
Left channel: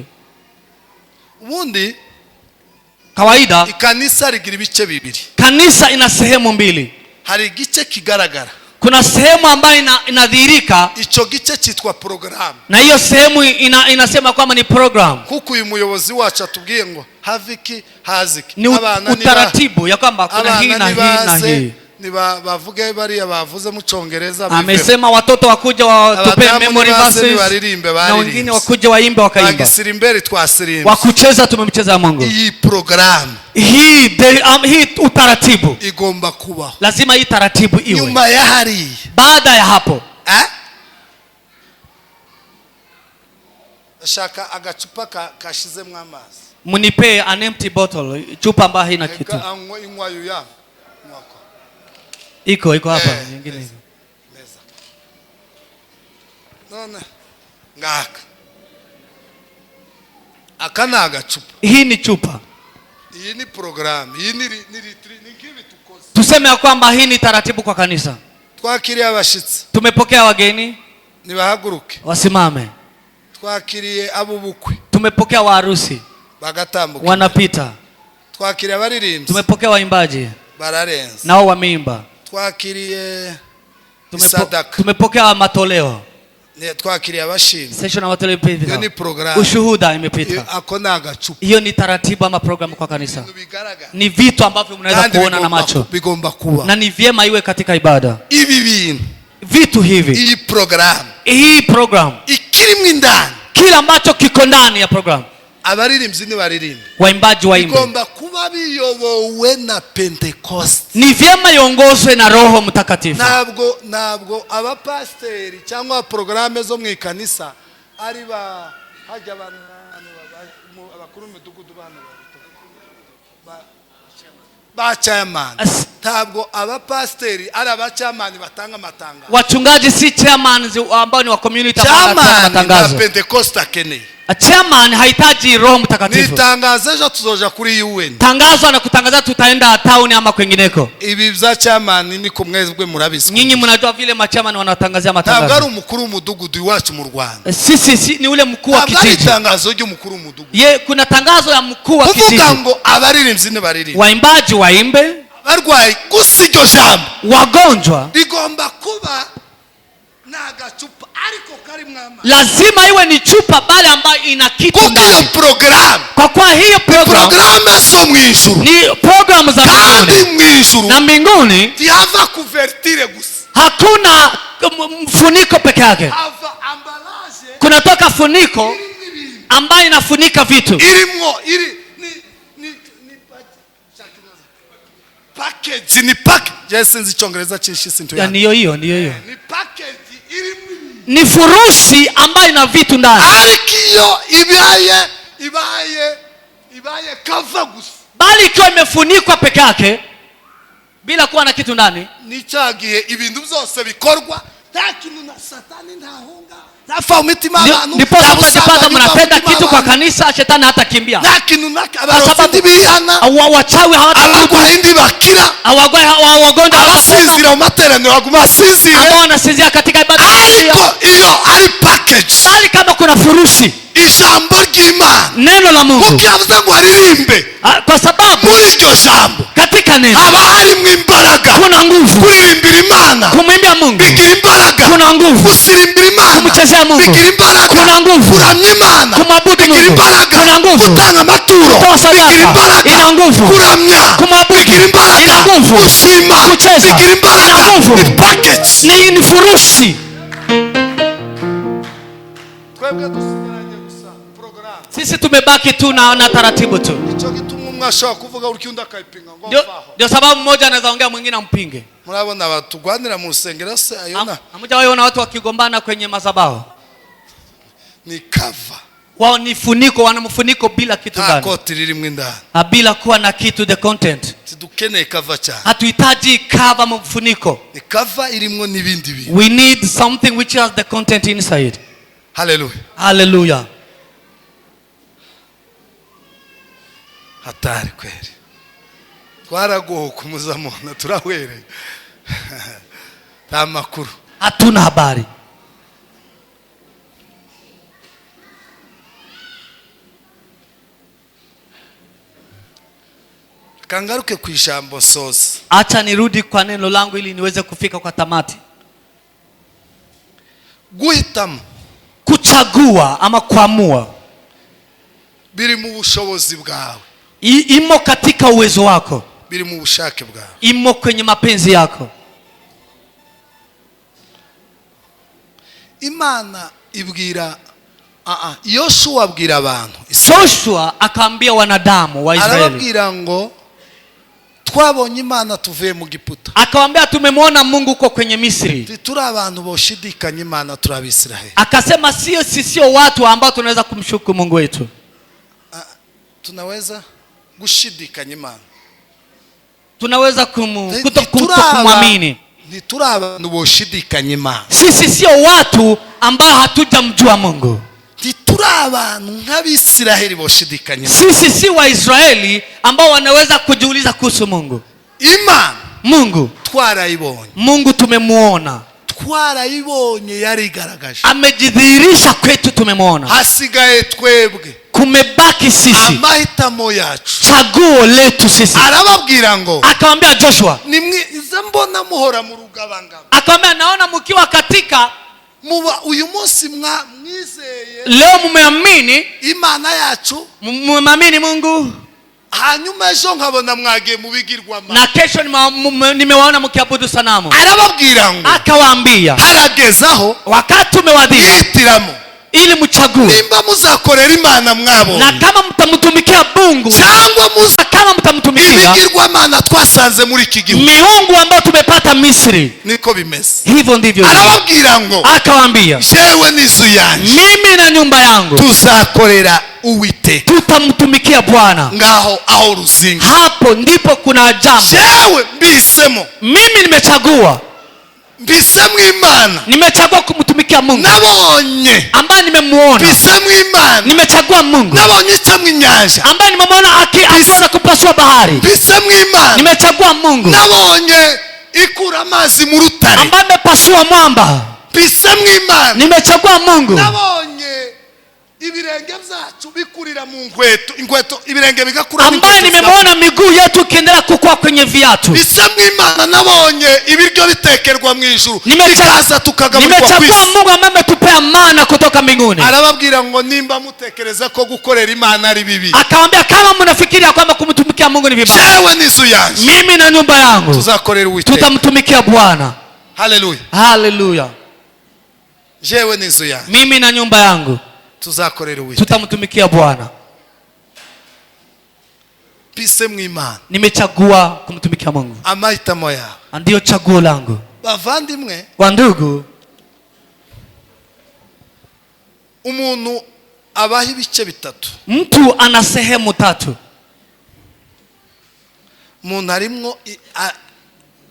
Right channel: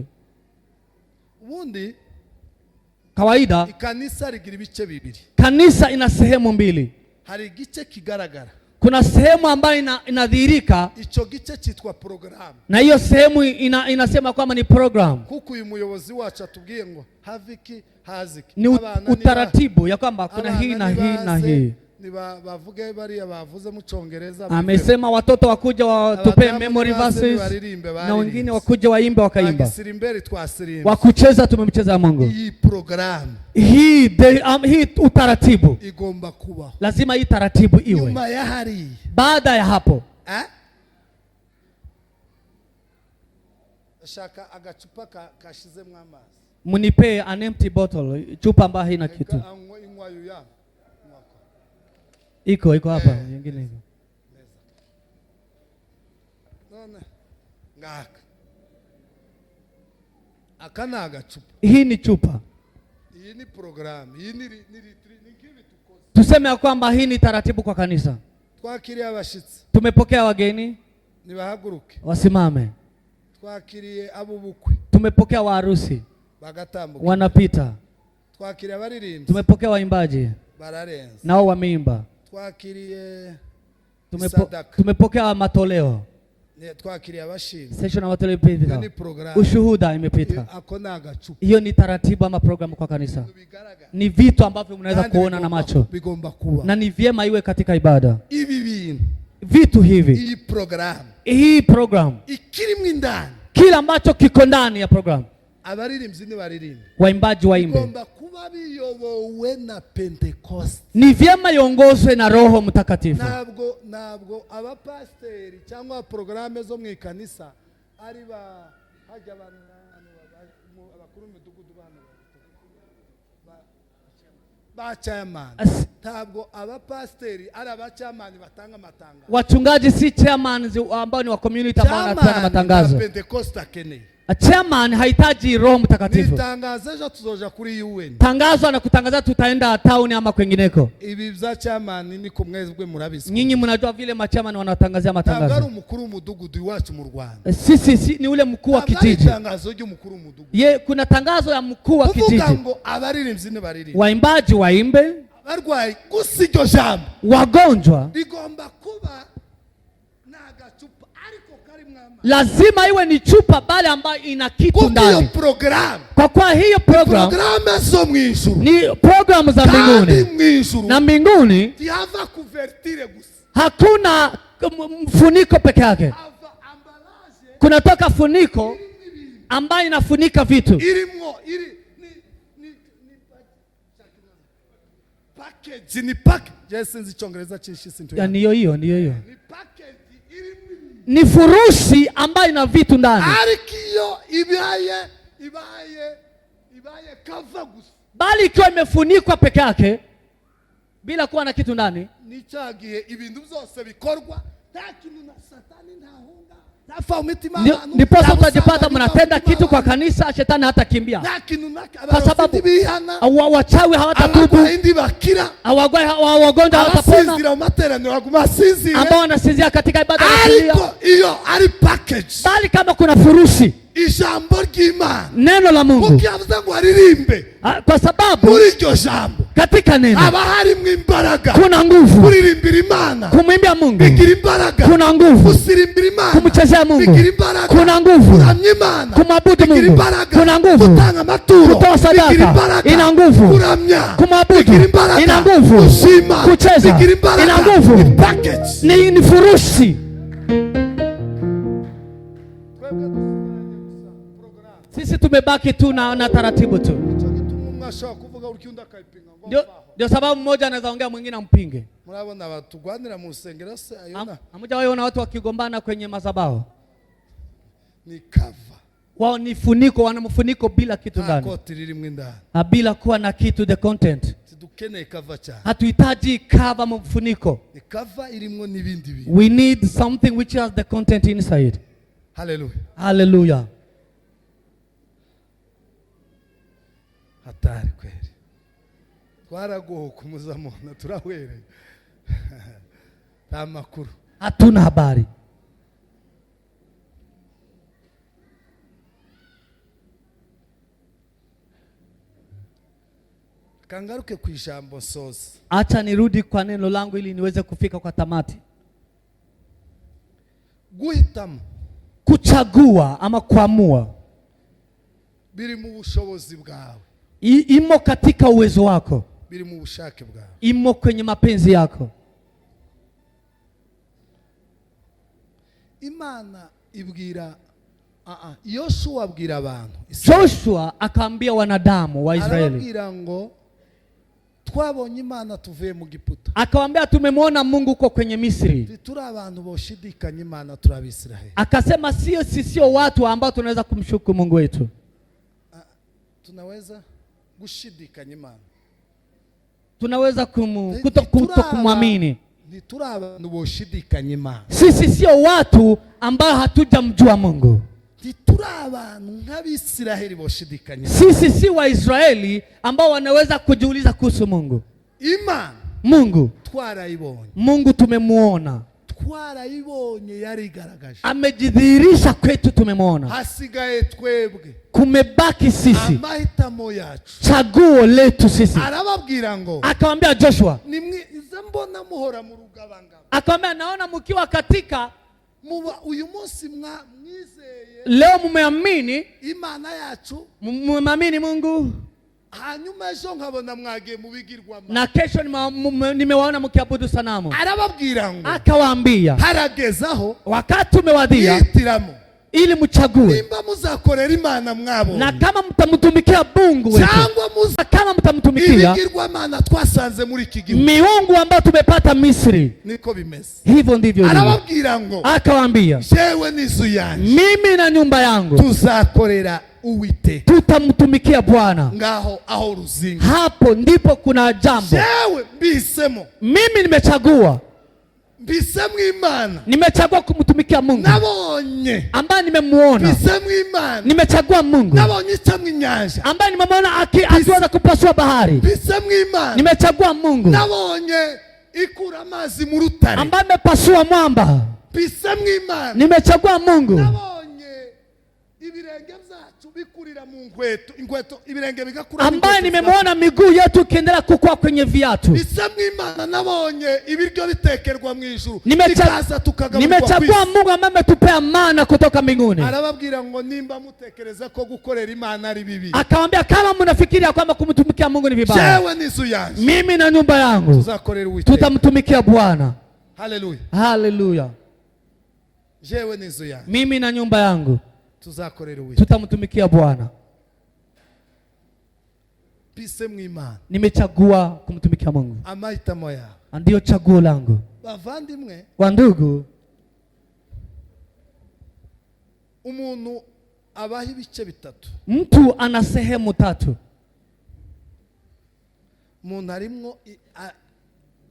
Ubundi kawaida ikanisa rigira ibice bibiri. Kanisa ina sehemu mbili. Hari igice kigaragara, kuna sehemu ambayo inadhihirika, ico gice cyitwa program, na hiyo sehemu inasema kwamba ni program. Kuko uyu muyobozi wacu atubwiye ngo haviki haziki, ni utaratibu ya kwamba kuna hii na hii na hii. Niba bavuge bari abavuze mu Cyongereza, amesema watoto wakuja watupe memory verses, na wengine wakuja waimbe wakaimba, bagisirimbe twasirimbe, wakucheza tumemcheza Mungu. Hii program, hii utaratibu igomba kubaho, lazima hii taratibu iwe. Nyuma ya hari, baada ya hapo, ashaka agacupa kashizemo amazi, munipe an empty bottle, chupa ambayo haina kitu. Inywayo ya iko hapa nyingine hizo. Meza. None ngaka. Akana agacupa. Hii ni chupa. Hii ni program. Hii ni kibi tukoze. Tuseme kwamba hii ni taratibu kwa kanisa. Twakiriye abashitsi, tumepokea wageni, nibahaguruke wasimame. Twakiriye abubukwe, tumepokea waharusi, bagatambuka, wanapita. Twakiriye abaririmbyi, tumepokea waimbaji, bararenza, nao wameimba. Twakiriye tumepokea matoleo, twakiriye abashimwe, session ya matoleo imepita. Hiyo ni program, ushuhuda imepita. Ako nagacupa. Hiyo ni taratibu ama program kwa kanisa. Ni vitu ambavyo mnaweza kuona na macho, bigomba kuba, na ni vyema iwe katika ibada. Ibi bintu vitu hivi, hii program ikirimo indani, kila ambacho kiko ndani ya program, abaririmbyi ni baririmbe, waimbaji waimbe, igomba kuba biyobowe na Pentecost. Ni vyema iongozwe na Roho Mtakatifu. Ntabwo abapasteri cyangwa programe zo mu ikanisa ari ba hajya abakuru b'imidugudu ba chairman. Ntabwo abapasteri ari abachairman batanga amatangazo. Wachungaji si chairman ambao ni wa community ambao wanatanga matangazo. Pentecost akeneye. Chairman hahitaji Roho Mtakatifu. Nitangaza ejo tuzoja kuri UN. Tangazo na kutangaza tutaenda town ama kwengineko. Ibi bya chairman ni kumwezwe murabisi. Nyinyi mnajua vile machairman wanatangazia matangazo. Ntabwo ari umukuru w'umudugudu iwacu mu Rwanda. Si ni ule mkuu wa kijiji. Tangazo ry'umukuru w'umudugudu. Kuna tangazo ya mkuu wa kijiji. Kuvuga ngo abaririmbyi ni baririmbe. Waimbaji waimbe. Barwayi gusiryo jambo. Wagonjwa bigomba kuba nagachupa ariko kari mwama. Lazima iwe ni chupa bale ambayo ina kitu ndani. Hiyo program. Kwa kuwa hiyo program zo mw'ijuru. Ni program za mbinguni. Kandi mw'ijuru. Na mbinguni tiava kuvertire gusa. Hakuna mfuniko peke yake. Hava ambalage. Kunatoka funiko ambayo inafunika vitu. Irimwo package ni package. Jesenzi Cyongereza cyinshi sintu ya. Niyo hiyo. Ni package irimwo. Ni furushi ambayo ina vitu ndani. Arikiyo ibaye cover gusa. Bali ikiwa imefunikwa peke yake bila kuwa na kitu ndani, ni cyagiye ibintu byose bikorwa nta kintu na satani ntahunga. Nafa umitima abantu. Ndipo utajipata mnatenda kitu kwa kanisa, shetani hata kimbia. Nta kintu abarozi bihana. Wachawi hawatatubu. Abagwayi bakira. Wagonjwa abasinzira mu materaniro baguma asinzira. Ambao wanasinzia katika ibada. Ariko iyo ari package. Bali kama kuna furushi. Ijambo ry'Imana. Neno la Mungu. Ukiyavuze ngo aririmbe. Kwa sababu muri iryo jambo. Katika neno. Haba harimo imbaraga. Kuna nguvu. Kuririmbira Imana. Kumwimbia Mungu. Bigira imbaraga. Kuna nguvu. Kusirimbira Imana. Kumchezea Mungu. Bigira imbaraga. Kuna nguvu. Kuramya Imana. Kumwabudu Mungu. Bigira imbaraga. Kuna nguvu. Kutanga amaturo. Kutoa sadaka. Bigira imbaraga. Ina nguvu. Kuramya. Kumwabudu. Bigira imbaraga. Ina nguvu. Kushima. Kucheza. Bigira imbaraga. Ina nguvu. Ni package. Ni furushi. Twebwe dusigaranye gusa program. Sisi tumebaki tu na taratibu tu. Ico gituma mwashaka kuvuga ukiunda kaipinga ngo mfaho. Ndio sababu mmoja anaweza ongea mwingine ampinge. Murabona batugwanira mu rusengero se ayona. Hamjawaona watu wakigombana kwenye madhabahu. Ni cover. Wao ni funiko, wana mfuniko bila kitu ndani. Koti lirimwe indani. Bila kuwa na kitu, the content. Sidukene cover cha. Hatuhitaji cover mfuniko. Ni cover irimwo nibindi bintu. We need something which has the content inside. Hallelujah. Hallelujah. Hatari kweli. Twaragoho kumuzamona turahwere. Tamakuru. Hatuna habari. Kangaruke ku ijambo sosi. Acha nirudi kwa neno langu ili niweze kufika kwa tamati. Guhitamo. Kuchagua ama kuamua. Biri mu bushobozi bwawe. Imo katika uwezo wako. Biri mu bushake bwawe. Imo kwenye mapenzi yako. Imana ibwira Yoshua abwira abantu. Joshua akaambia wanadamu wa Israeli. Arababwira ngo twabonye Imana tuvuye mu Giputa. Akawaambia tumemwona Mungu uko kwenye Misri. Turi abantu boshidikanya Imana turabisiraheli. Akasema sio watu ambao tunaweza kumshuku Mungu wetu. Tunaweza gushidikanya Imana. Tunaweza kutokumwamini. Ni turi abantu boshidikanya Imana. Sisi sio watu ambao hatujamjua Mungu. Ni turi abantu nk'abisiraheli boshidikanya. Sisi si Waisraeli ambao wanaweza kujiuliza kuhusu Mungu. Imana. Mungu. Twarayibonye. Mungu tumemuona. Twarayibonye yarigaragaje. Amejidhihirisha kwetu tumemuona. Hasigaye twebwe. Kumebaki sisi. Amahitamo yacu. Chaguo letu sisi. Arababwira ngo. Akamwambia Joshua. Nimwiza mbona muhora mu rugabangabo. Akamwambia naona mkiwa katika uyu munsi mwizeye. Leo mumeamini Imana yacu. Mumeamini Mungu. hanyuma ejo nkabona mwagiye mu bigirwamana, na kesho nimewaona mkiabudu sanamu. Arababwira ngo, akawaambia haragezaho wakati umewadia yitiramo ili mchague nimba muzakorera Imana mwabo, na kama mtamtumikia Mungu cyangwa kama mtamtumikia ibigirwamana twasanze muri iki gihugu, miungu ambayo tumepata Misri. Niko bimeze. Hivyo ndivyo. Arababwira ngo, akawaambia jewe n'inzu yanjye, mimi na nyumba yangu tuzakorera Uwiteka, tutamtumikia Bwana. Ngaho aho ruzinga, hapo ndipo kuna jambo. jewe mbisemo, mimi nimechagua, mbisemo Imana, nimechagua kumtumikia Mungu. Nabonye ambaye nimemuona, mbisemo Imana, nimechagua Mungu. Nabonye chamwe inyanja, ambaye nimemuona akiona kupasua bahari, mbisemo Imana, nimechagua Mungu. Nabonye ikura amazi mu rutare, ambaye amepasua mwamba, mbisemo Imana, nimechagua Mungu. Nabonye ibirenge byacu bikurira mu inkweto ibirenge bigakura, ambaye nimemuona miguu yetu ikiendelea kukua kwenye viatu. Mbisemo Imana, nabonye ibiryo bitekerwa mu ijuru, bikaza tukagaburirwa kwisi. Nimechagua Mungu ambaye ametupea mana kutoka mbinguni. Arababwira ngo, nimba mutekereza ko gukorera Imana ari bibi, akamwambia kama mnafikiria kwamba kumtumikia Mungu ni vibaya, jewe n'inzu yanjye, mimi na nyumba yangu tuzakorera Uwiteka, tutamtumikia Bwana. Haleluya, haleluya. Jewe n'inzu yanjye, mimi na nyumba yangu tuzakorera Uwiteka, tutamtumikia Bwana. Mbisemo Imana, nimechagua kumtumikia Mungu. amahitamo yawe, ndio chaguo langu. bavandimwe, wandugu, umuntu abaho ibice bitatu. Mtu ana sehemu tatu. Umuntu harimwo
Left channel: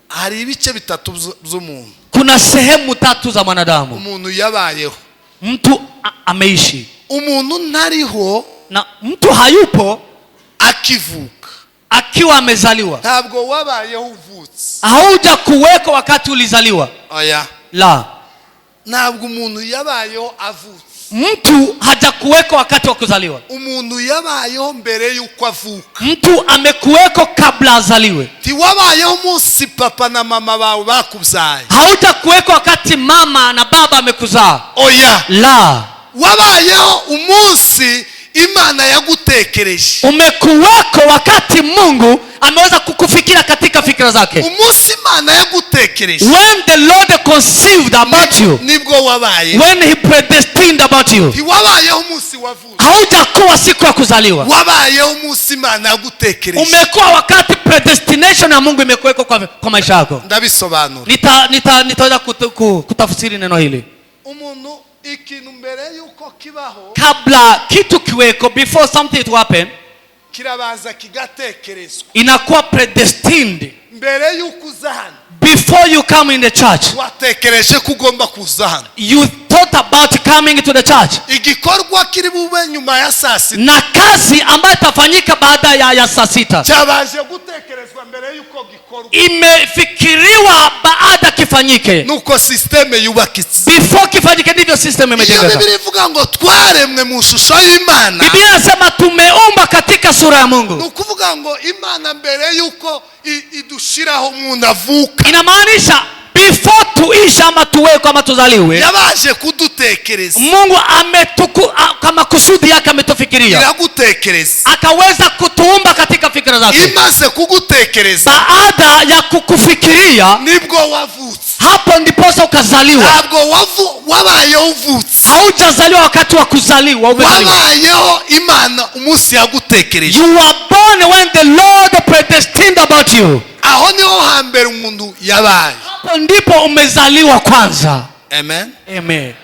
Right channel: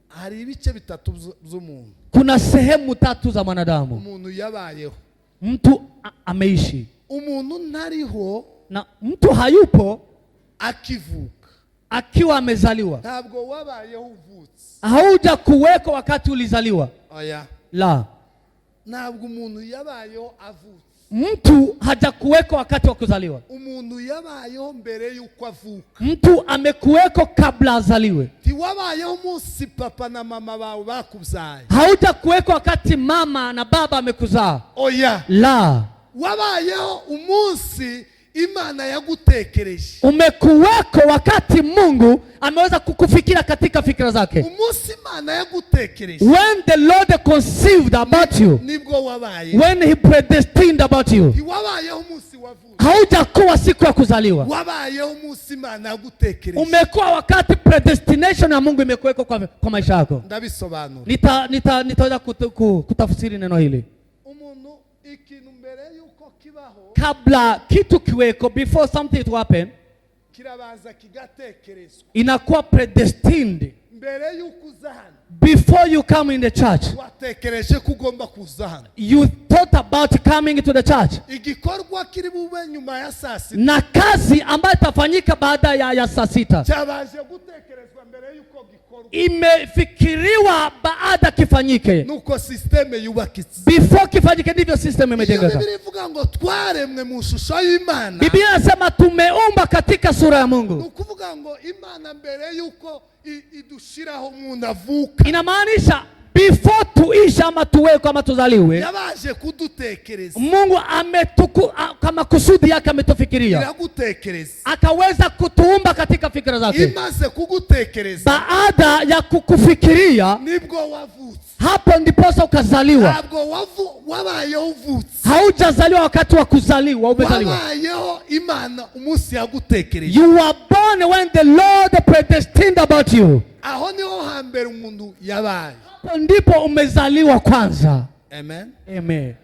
hari ibice bitatu by'umuntu. Kuna sehemu tatu za mwanadamu. Umuntu yabayeho, mtu ameishi. Umuntu ntariho, na mtu hayupo akivuka, akiwa amezaliwa. Ntabwo wabayeho uvutse, hauja kuweko wakati ulizaliwa. Oya, la. Ntabwo umuntu yabayeho avutse. Mtu hajakuweko wakati wa kuzaliwa. Umuntu yabayeho mbere yuko avuka. Mtu amekuweko kabla azaliwe. Tiwabayeho umunsi papa na mama bawe bakubyaye. Hautakuweko wakati mama na baba amekuzaa. Oya, la. Wabayeho umunsi Imana yagutekereje. Umekuweko wakati Mungu ameweza kukufikira katika fikra zake. Umunsi Imana yagutekereje, when the Lord conceived about you, nibwo wabaye. when he predestined about you. Tiwabayeho umunsi wavuka. Haujakuwa siku ya kuzaliwa. Wabayeho umunsi Imana yagutekereje. Umekuwa wakati predestination ya Mungu imekuweko kwa maisha yako. Ndabisobanura. Nitaweza kutafsiri neno hili. Umuntu ikintu mbere yuko kibaho, kabla kitu kiweko, before something to happen, kirabaza kigatekerezwa. Inakuwa predestined. Mbere yuko uzahana, before you come in the church, watekereje kugomba kuzahana. You thought about coming to the church. Igikorwa kiri bube nyuma ya saa sita, na kazi ambayo itafanyika baada ya saa sita, cyabaje gutekerezwa mbere yuko gikorwa. Imefikiriwa baada kifanyike. Nuko system yubakitse. Before kifanyike ndivyo system imejengeka. Biblia ivuga ngo twaremwe mu shusho y'Imana. Biblia inasema tumeumba katika sura ya Mungu. Nukuvuga ngo Imana mbere yuko idushiraho umuntu avuka, inamaanisha before tuishi ama tuweko ama tuzaliwe, yabaje kudutekereza. Mungu kama kusudi yake ametufikiria, iragutekereza, akaweza kutuumba katika fikra zake. Imaze kugutekereza, baada ya kukufikiria, nibwo wavutse. Hapo ndiposa ukazaliwa. Ntabwo wabayeho uvutse. Haujazaliwa wakati wa kuzaliwa, wabayeho Imana umunsi yagutekereje. You were born when the Lord predestined about you. Aho niho hambere umuntu yabaye. Hapo ndipo umezaliwa kwanza. Amen. Amen.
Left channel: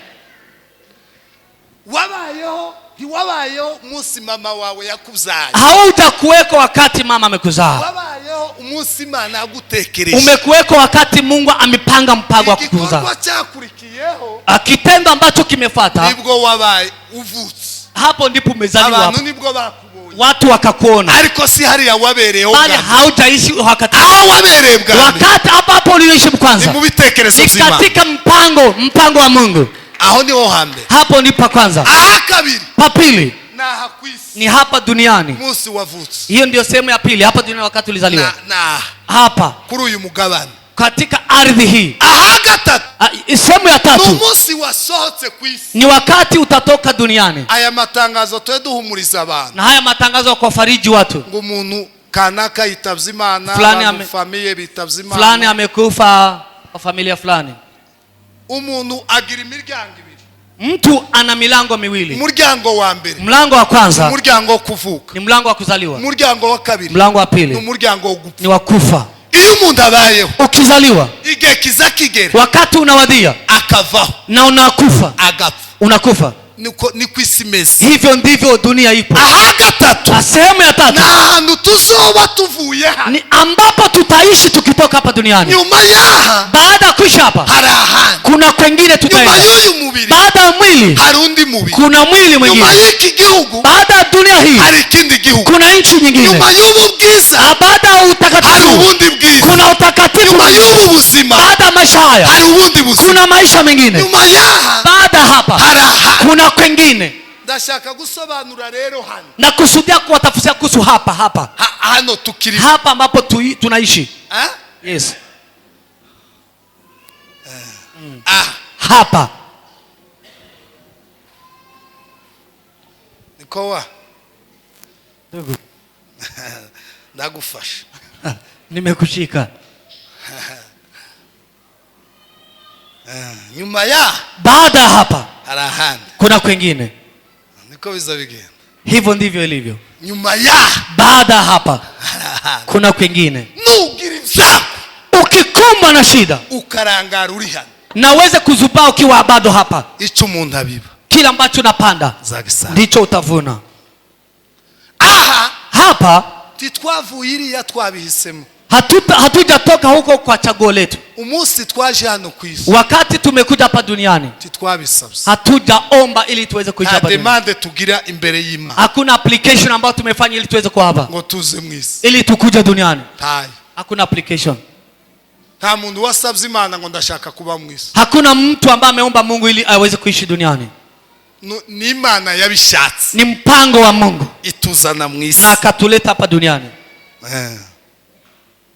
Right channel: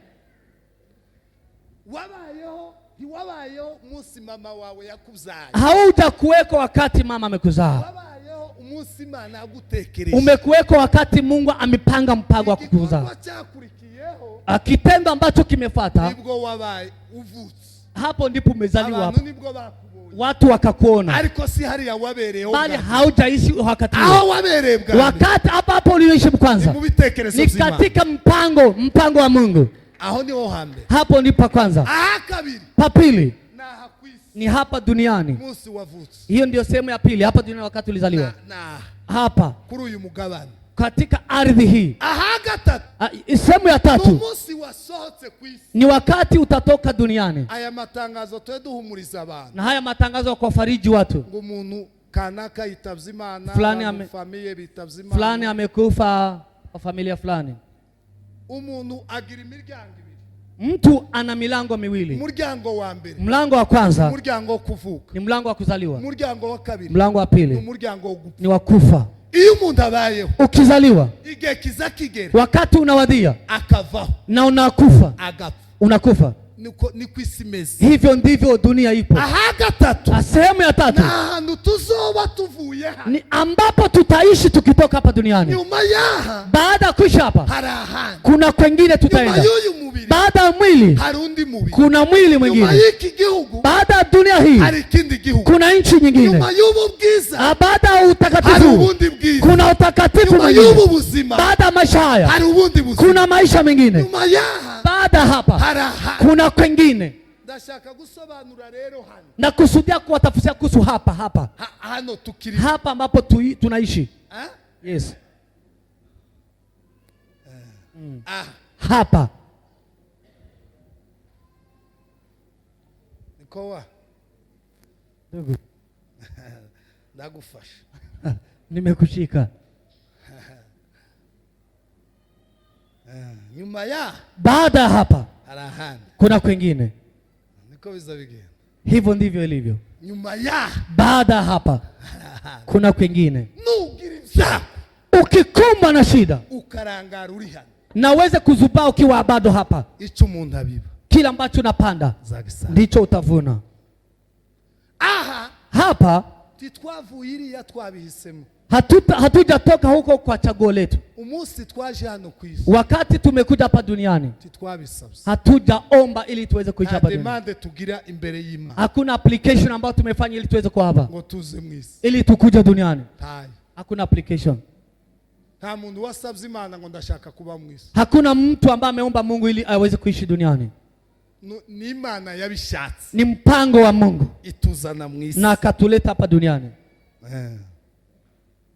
Wabayeho umunsi mama wawe yakubyaye. Hautakuweko wakati mama amekuzaa. Wabayeho umunsi Imana yagutekereje. Umekuweko wakati Mungu amepanga mpango wa kukuzaa. Igikorwa cyakurikiyeho, kitendo ambacho kimefuata, nibwo wabaye uvutse. Hapo ndipo umezaliwa. Abantu nibwo bakubonye, watu wakakuona. Ariko si hariya wabereyeho, bali haujaishi wakati aho wabereye bwa wakati hapo uliishi kwanza. Ni mu bitekerezo by'Imana, ni katika mpango wa Mungu. Aho niho hambere. Hapo ndipo kwanza. Kabiri, papili na hakwisi, ni hapa duniani. Musi wavutse. Hiyo ndio sehemu ya pili, hapa duniani wakati ulizaliwa. Na hapa kuri uyu mugabane, katika ardhi hii. Aha gatatu, sehemu ya tatu umunsi wasohotse ku isi, ni wakati utatoka duniani. Aya matangazo tweduhumuriza abantu, na haya matangazo kwa fariji watu, ngo umuntu kanaka yitavye Imana, famille bitavye Imana, fulani amekufa kwa familia fulani. Umuntu agira imiryango ibiri, mtu ana milango miwili. Umuryango wa mbere, mlango wa kwanza umuryango wo kuvuka, ni mlango wa kuzaliwa. Umuryango wa kabiri, mlango wa pili, ni umuryango wo gupfa. ni wa kufa. Iyo umuntu abayeho, ukizaliwa, igihe kiza kigera, wakati unawadia, akavaho na unakufa, agapfa, unakufa. ni kwisimezi. Hivyo ndivyo dunia ipo. Aha gatatu, sehemu ya tatu, na ahantu tuzoba tuvuye hano, ni ambapo tutaishi tukitoka hapa duniani. Nyuma yaha, baada ya kuisha hapa, hari ahandi, kuna kwengine tutaenda. Nyuma y'uyu mubiri, baada ya mwili, hari undi mubiri. kuna mwili mwingine. Nyuma y'iki gihugu, baada ya dunia hii, hari ikindi gihugu. kuna nchi nyingine. Nyuma y'ubu bwiza, baada ya utakatifu, hari ubundi bwiza. kuna utakatifu. Nyuma y'ubu buzima, baada ya maisha haya, hari ubundi buzima. kuna maisha mengine. Nyuma yaha, baada hapa, hari ahandi, kuna kwengine. Ndashaka gusobanura rero hano, na kusudia kuwatafsiria kuhusu hapa hano tukiri, hapa ambapo tunaishi. Yes. Hapa nikowa ndugu ndagufasha nimekushika. Nyuma ya, baada hapa, hari ahandi, kuna kwengine. niko biza bigenda. Hivyo ndivyo ilivyo. Nyuma ya, baada hapa, kuna kwengine. nugira ivyako, ukikumbwa na shida, ukarangara uri hano, na uweze kuzubaa ukiwa bado hapa. ico umuntu abiba, kila ambacho unapanda ndicho utavuna. Aha hapa titwavuye iriya twabihisemo, hatujatoka huko kwa chaguo letu. Umunsi twaje hano ku isi, wakati tumekuja hapa duniani, titwabisabye, hatujaomba ili tuweze kuja hapa duniani. Demande tugira imbere y'Imana, hakuna application ambayo tumefanya ili tuweze kuwa hapa, ngo tuze mu isi, ili tukuje duniani. Hai, hakuna application. nta muntu wasabye Imana ngo ndashaka kuba mu isi. Hakuna mtu ambaye ameomba Mungu ili aweze kuishi duniani. Ni Imana yabishatse, ni mpango wa Mungu ituzana mu isi na akatuleta hapa duniani.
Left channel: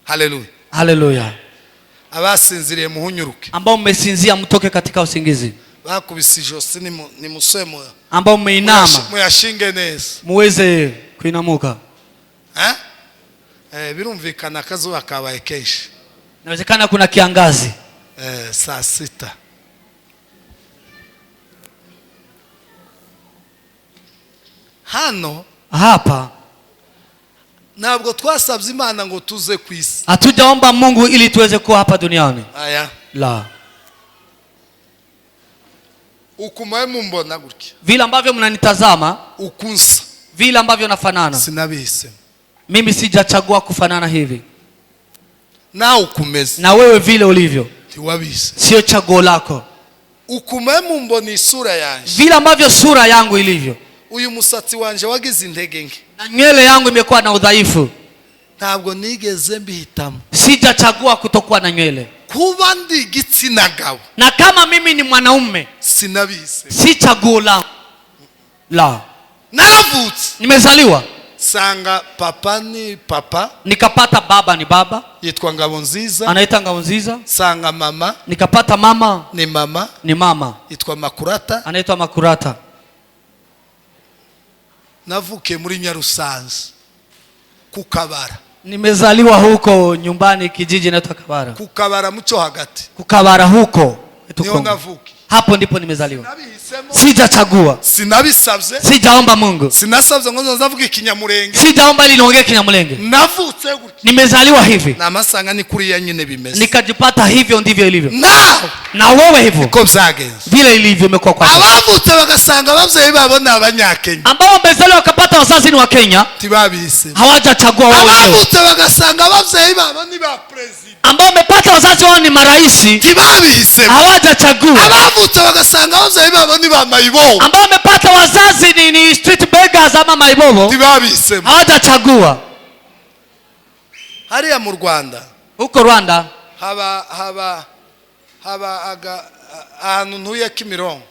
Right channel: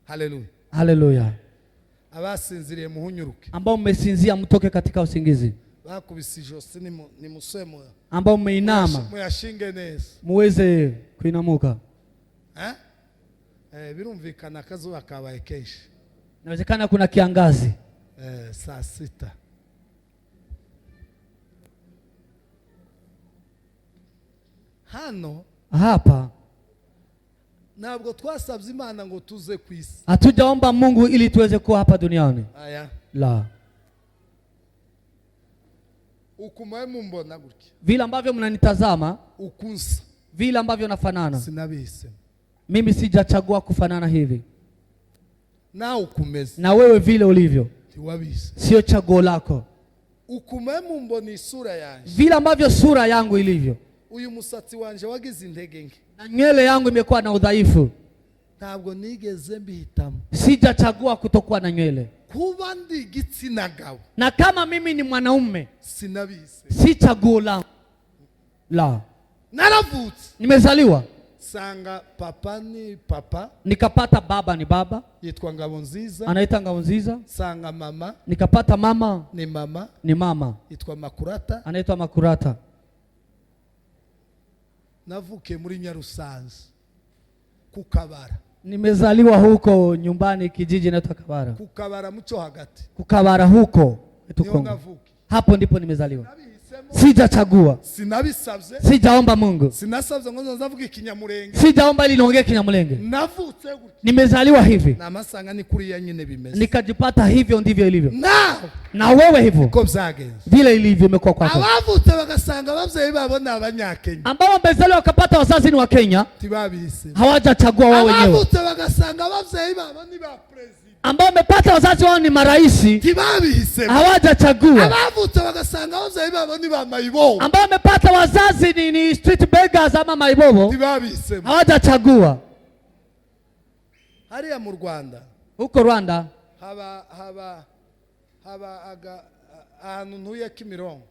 Haleluya, haleluya. Abasinziriye muhunyuruke, ambao mmesinzia mtoke katika usingizi. Bakubise ijosi ni musemo, ambao mmeinama muyashinge neza, muweze kuinamuka. Birumvikana akazuba kabaye kenshi, inawezekana kuna kiangazi. Saa 6 hano hapa, ntabwo twasabye Imana ngo tuze ku isi, hatujaomba Mungu ili tuweze kuwa hapa duniani. Aya, la. Ukumaye mumbona gutya, vile ambavyo mnanitazama, ukunsa, vile ambavyo nafanana, sinabise, mimi sijachagua kufanana hivi. Na ukumeze, na wewe vile ulivyo, tiwabise, sio chaguo lako. Ukumaye mumbona isura yanje, vile ambavyo sura yangu ilivyo. Uyu musatsi wanje wagize intege nke, na nywele yangu imekuwa na udhaifu. Ntabwo nigeze mbihitamo, sijachagua kutokuwa na nywele. Kuba ndi igitsina gabo, na kama mimi ni mwanaume, sinabise, si chaguo langu. La. Naravutse, nimezaliwa, sanga papa ni papa, nikapata baba ni baba, yitwa Ngabonziza, anaita Ngabonziza. Sanga mama, nikapata mama ni mama, yitwa Makurata, anaitwa Makurata. Navuke muri Nyarusanze kukabara, nimezaliwa huko nyumbani kijiji naitwa Kabara. Kukabara muco hagati, Kukabara huko niyo navuke, hapo ndipo nimezaliwa. Sijachagua, sinabisabye, sijaomba Mungu, sinasabye ngo nzavuga ikinyamurenge, sijaomba ili niongee kinyamulenge. Navutse gutya, nimezaliwa hivi, na masanga ni kuri ya nyine bimeze, nikajipata hivyo ndivyo ilivyo. Na wewe hivyo ko byagenze, vile ilivyo imekuwa kwa sasa. Abavutse bagasanga abavyeyi babo ni Abanyakenya, ambao wamezaliwa wakapata wazazi ni wa Kenya, tibabise, hawajachagua wao wenyewe. Abavutse bagasanga abavyeyi babo ni ba president, ambao wamepata wazazi wao ni maraisi, tibabise, hawajachagua. Abavutse bagasanga abavyeyi babo ni ba mayibobo, ambao wamepata wazazi ni street beggars ama mayibobo, tibabise, hawajachagua. Hariya mu Rwanda, huko Rwanda haba ahantu ntuye Kimironko,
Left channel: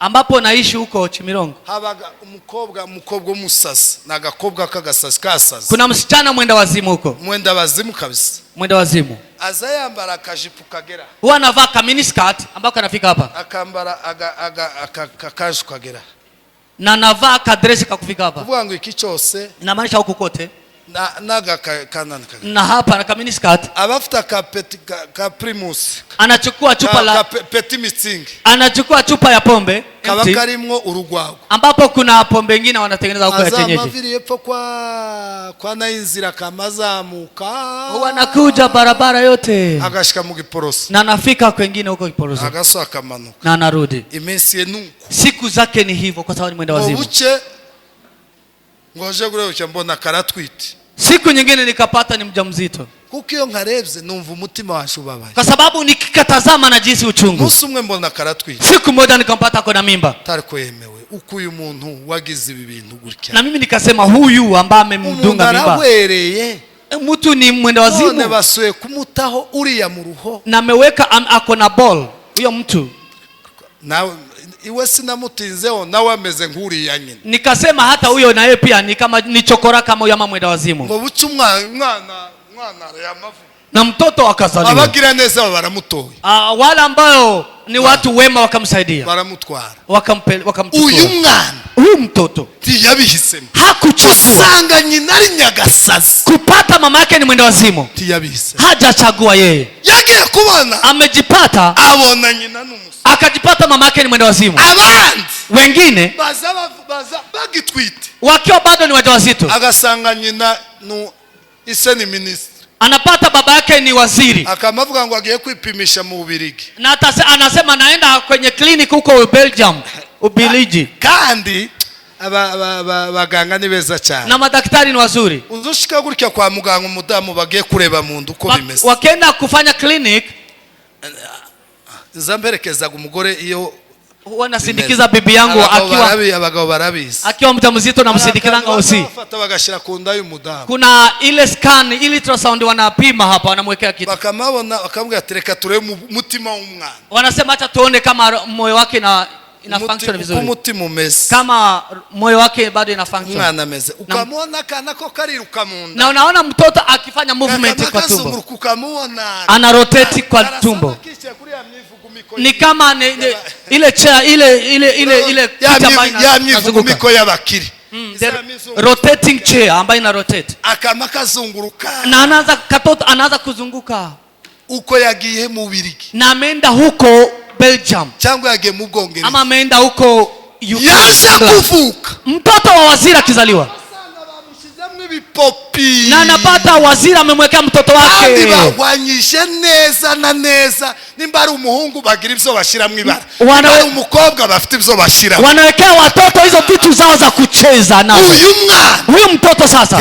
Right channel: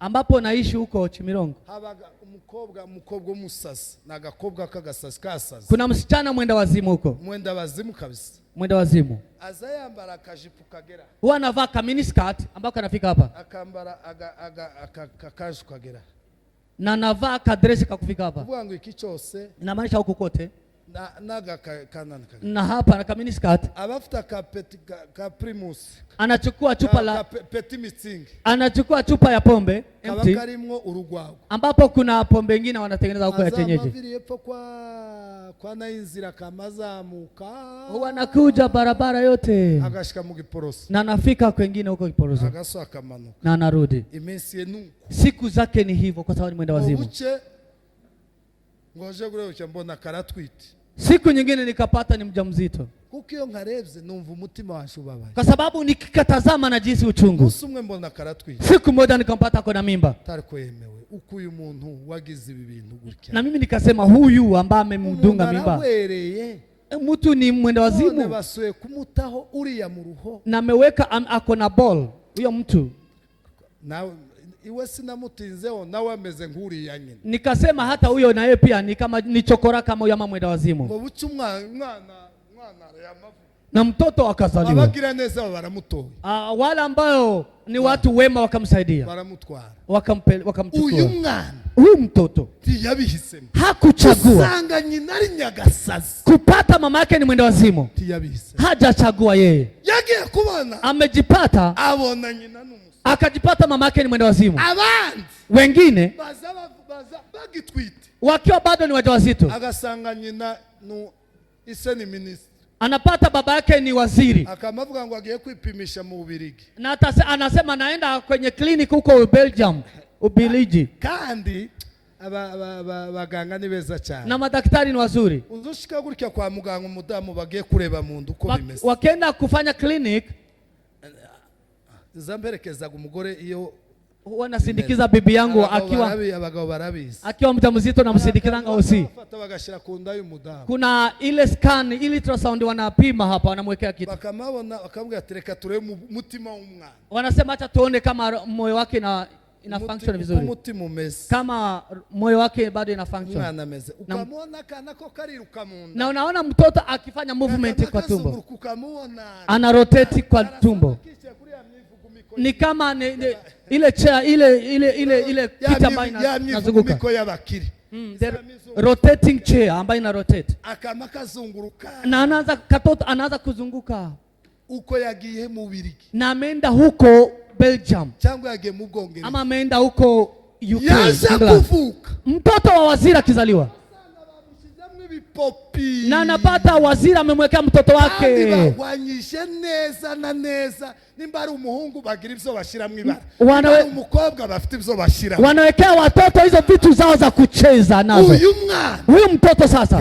ambapo naishi huko Chimirongo, habaga umukobwa umusazi, nagakobwa kagasasi kasazi. Kuna msichana mwenda wazimu huko. Mwenda wazimu kabisa. Mwenda wazimu. Azayambara akajipu kagera. Huwa anavaa ka mini skirt ambako kanafika hapa. Akambara akakaju kagera. Na anavaa ka dress kakufika hapa. Kuvuga ngo iki cyose inamaanisha huko kote. Naga kanana kagera. Na hapa na ka mini skirt. Abafuta ka primus. Anachukua chupa la petit mixing. Anachukua chupa ya pombe kaba karimwo urugwago, ambapo kuna pombe nyingine wanatengeneza huko ya kienyeji. Azamaviri yepfo kwa nainzira kamazamuka, huwa anakuja barabara yote agashika mu Giporoso, na anafika kwingine huko Giporoso, agaso akamanuka na anarudi. Iminsi yenuko, siku zake ni hivyo, kwa sababu ni mwenda wazimu. Ubuche ngoje gureucha mbona karatwiti, siku nyingine nikapata ni mjamzito. Kuko iyo nkarebye numva umutima washubabaye, kwa sababu nikikatazama na jinsi uchungu. Musumwe mbona karatwiti, siku moja nikampata kona mimba. Tariko yemewe uko uyu muntu wagize ibi bintu gutya, na mimi nikasema huyu ambaye amemdunga mimba mtu ni mwenda wazimu. None basuye kumutaho uriya mu ruho, na ameweka ako na ball huyo mtu. Na iwe sinamutinzeo nawe ameze nkuri ya nyine. Nikasema hata huyo na yeye pia ni kama ni chokora kama huyo mama mwenda wazimu. Ngo bucu mwana ya mavu. Na mtoto akazaliwa. Abagira neza baramutoye. Wala ambao ni watu wema wakamsaidia. Baramutwara. Wakamchukua. Uyu mwana, huyu mtoto tiyabihisemo. Hakuchagua. Usanga nyina ari nyagasazi. Kupata mama yake ni mwenda wazimu. Tiyabihise. Hajachagua yeye. Yagiye kubona. Amejipata. Abona nyina n'umusa. Akajipata mama yake ni mwenda wazimu. Abandi wengine baza bagitwite wakiwa bado ni wajawazito, agasanga nyina ise ni ministre, anapata baba yake ni waziri, akamavuga ngo agiye kwipimisha mu Ubirigi, na anasema naenda kwenye clinic huko Belgium, Ubelgiji, kandi abaganga ni beza cyane na madaktari ni wazuri. Uzushika gutya kwa muganga umudamu bagiye kureba mundu uko bimeze, wakenda kufanya clinic, zamberekeza umugore iyo wanasindikiza bibi yangu abagabo barabizi, akiwa mjamzito na msindikiza ngosi, bafata bagashira ku nda y'umudamu, kuna ile scan ile ultrasound wanapima hapa, wanamwekea kitu, bakamabona bakamubwira tereka turebe mutima w'umwana, wanasema acha tuone kama moyo wake ina function vizuri, umutima umeze, kama moyo wake bado ina function, mwana ameze, ukamwona kana ko kariruka munda, na unaona mtoto akifanya movement kwa tumbo, ukamwona ana rotate kwa tumbo, ni kama ile chair ile picha ambayo inazunguka miko y'abakiri, rotating chair ambayo ina rotate, akama kazunguruka, na anaanza kuzunguka uko yagiye mu Ubirigi, na ameenda huko Belgium, cyangwa yagiye mu Bwongereza, ama ameenda huko UK, yaje kuvuka mtoto wa waziri akizaliwa, na anapata waziri amemwekea mtoto wake, kandi bagwanyije neza na neza, nimba ari umuhungu bagira ibyo bashira mu ibara, wana umukobwa bafite ibyo bashira, wanawekea watoto hizo vitu zao za kucheza nazo. Huyu mtoto sasa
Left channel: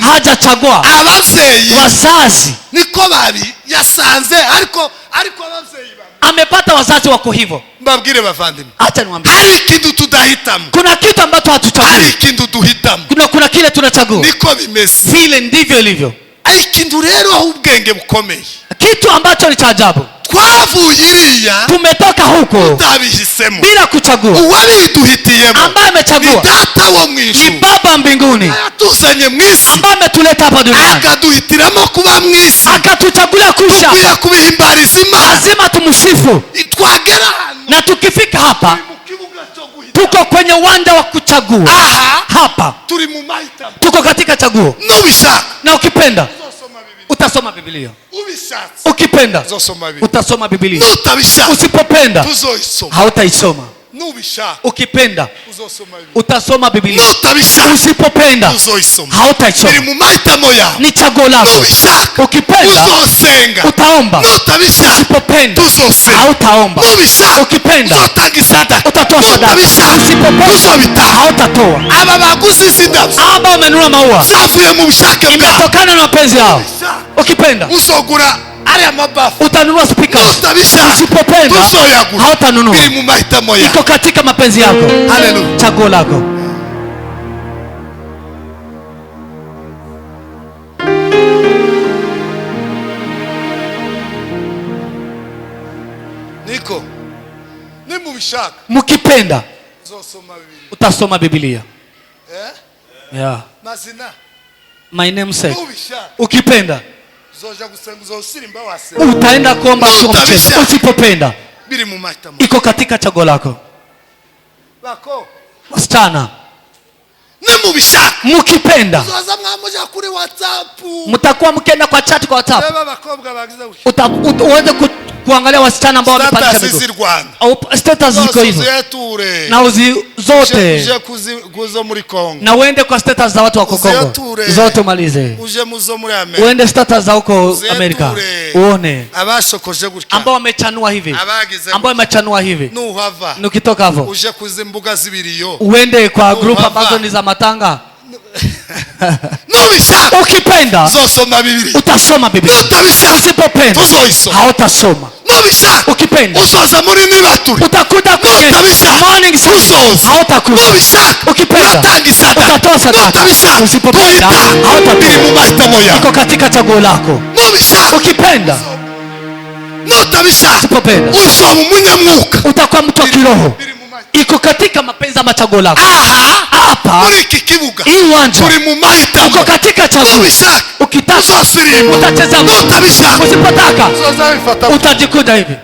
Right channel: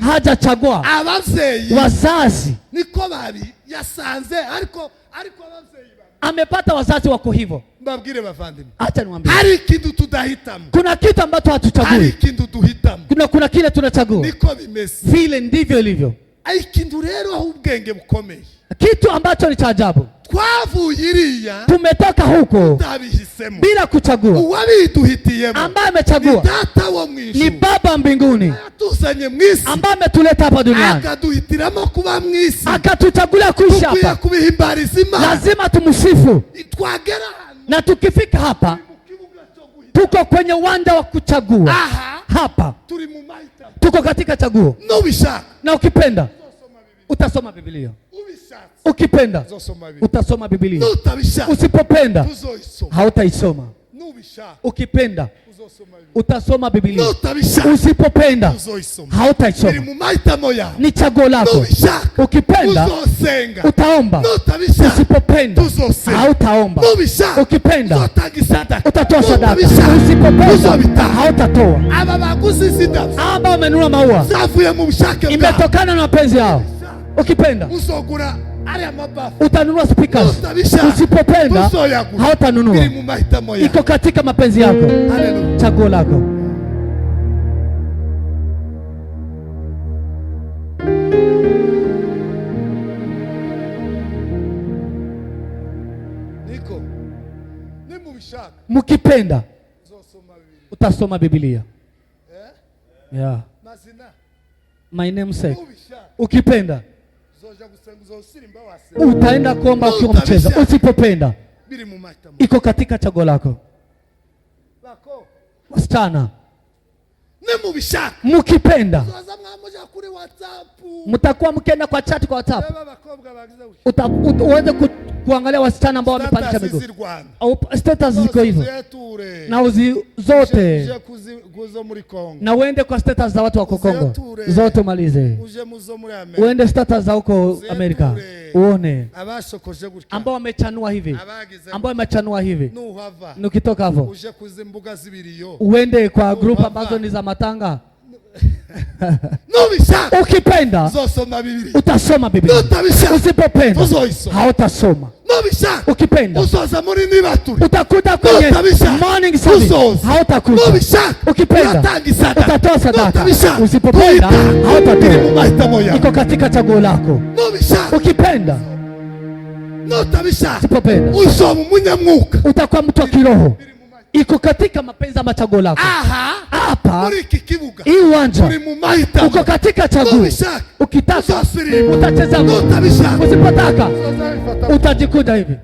hajachagua, abavyeyi wazazi niko babi yasanze, ariko abavyeyi amepata wazazi wako hivyo. Mbabwire bavandimwe, acha niwaambie, hari ikintu tudahitamo, kuna kitu ambacho hatuchagui, hari ikintu duhitamo, kuna kile tunachagua, niko bimeze, vile ndivyo ilivyo. Ikintu rero aho ubwenge bukomeye, kitu ambacho ni cha ajabu, twavuye iriya, tumetoka huko tutabihisemo bila kuchagua, uwabiduhitiyemo ambaye amechagua ni data wo mwijuru, ni baba mbinguni yatuzanye mwisi, ambaye ametuleta hapa duniani, akaduhitiramo kuba mwisi, akatuchagulia kuishi hapa, tukwiye kubihimbariza Imana, lazima tumsifu. Twagera hano, na tukifika hapa tuko kwenye uwanja wa kuchagua. Hapa turi mu mahitamo, tuko katika chaguo. Nubishaka na ukipenda utasoma Biblia, ukipenda utasoma Biblia, usipopenda hautaisoma. Ukipenda utasoma Biblia, usipopenda hautaisoma. Ni chaguo lako. Ukipenda utaomba, usipopenda hautaomba. Ukipenda utatoa sadaka, usipopenda hautatoa. Aba wamenunua maua, imetokana na mapenzi yao. Ukipenda utanunua speakers, usipopenda hautanunua. Iko katika mapenzi yako. Hallelujah. Chaguo lako. Niko mukipenda utasoma Biblia. Yeah. My name said ukipenda utaenda kuomba sio mchezo. Usipopenda iko katika chaguo lako. Wasichana mukipenda mtakuwa mkienda kwa chat kwa WhatsApp uweze kuangalia wasichana ambao wamepandisha miguu. Status ziko hivyo na uzi zote na uende kwa status za watu wa Kongo zote umalize. Uende status za huko Amerika uone ambao wamechanua hivi, ambao wamechanua hivi. Ukitoka hapo uje kuzimbuga zibiriyo uende kwa group ambazo ni za matanga. Ukipenda utasoma Biblia. Usipopenda hautasoma. Ukipenda utakuta kwenye morning service hautakuta. Ukipenda utatoa sadaka. Usipopenda hautatoa. Iko katika chaguo lako. Ukipenda usipopenda utakuwa mtu wa kiroho. Iko katika mapenzi ya chaguo lako. Hapa hii uwanja uko katika chaguo. Ukitaka utacheza, usipotaka utajikuta hivi.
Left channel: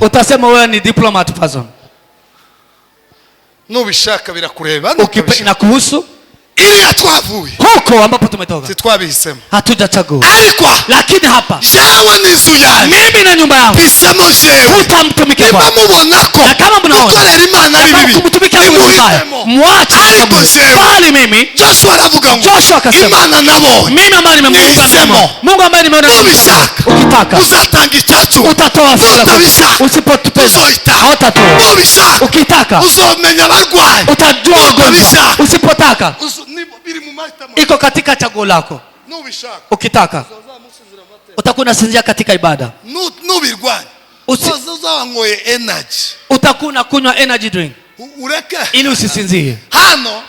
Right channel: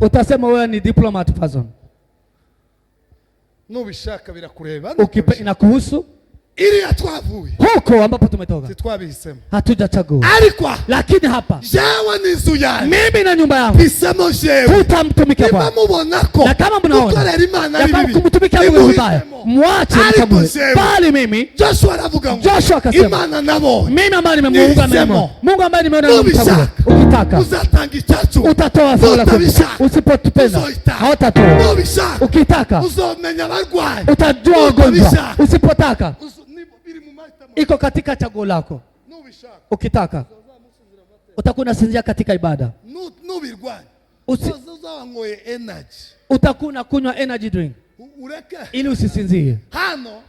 Utasema wewe ni diplomat person. Nubishaka birakureba. Ukipenda kuhusu ili atwavuye huko ambapo tumetoka sitwabihisemo hatujachagua. Lakini hapa jawe nizu yanyu mimi na nyumba yangu bisemo jewe tutamtumikia Bwana. Na kama mnaona ukorera Imana ari bibi kumtumikia Mungu mbaya mwache sababu. Bali mimi Joshua aravuga ngo Joshua akasema Imana nabo mimi ambaye nimemuunga mkono Mungu ambaye nimeona ukitaka uzatanga ichachu utatoa fungu. Usipotupenda hautatoa. Ukitaka uzomenya barwaye utajua ugonjwa. Usipotaka iko katika chaguo lako. Ukitaka utakuwa unasinzia katika ibada. Uzawangoye energy. Utakuwa unakunywa energy drink ureke ili usisinzie.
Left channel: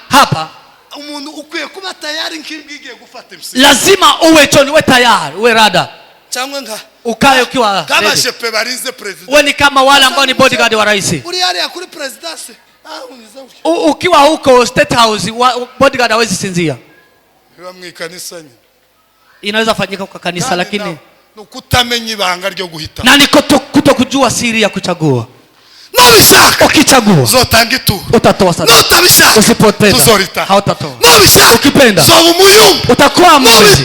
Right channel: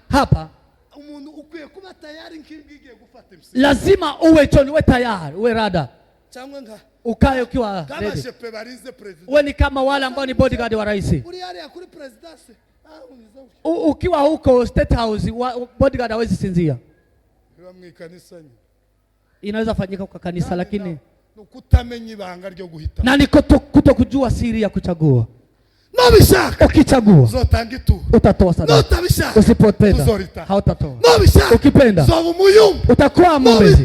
Hapa umuntu ukwiye kuba tayari nkigiye gufata imsi. Lazima uwe choni, uwe tayari, uwe rada. Cyangwa nga ukae ukiwa kama shepe barize president. Wewe ni kama wale ambao ni bodyguard wa rais. Uri yale ya kuri presidency. Ukiwa huko State House bodyguard hawezi sinzia. Inaweza fanyika kwa kanisa lakini nukutamenya ibanga ryo guhita. Na niko kutokujua siri ya kuchagua. Nobishaka ukichagua uzotanga itu utatoa sadaka. Notabishaka Usipopenda hautatoa. Nobishaka ukipenda utakuwa mwezi.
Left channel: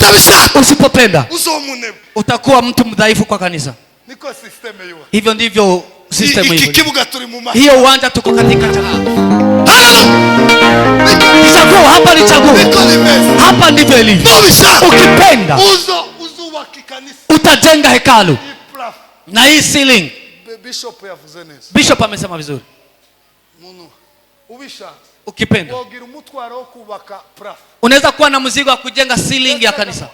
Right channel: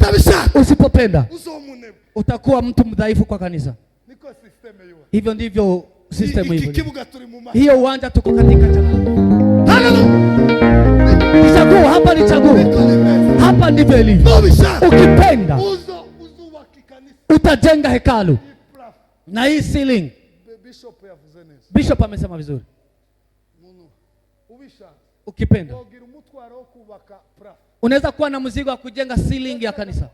Usipopenda utakuwa mtu mdhaifu kwa kanisa. Niko system hiyo. Hivyo ndivyo system hiyo. Ikikibuga turi mu mazi. Hiyo uwanja tuko katika chaguo. Hallelujah. Chaguo hapa ni chaguo. Hapa ndivyo ilivyo. Ukipenda utajenga hekalu. Na hii ceiling Bishop amesema vizuri. Ukipenda unaweza kuwa na mzigo wa kujenga ceiling ya kanisa.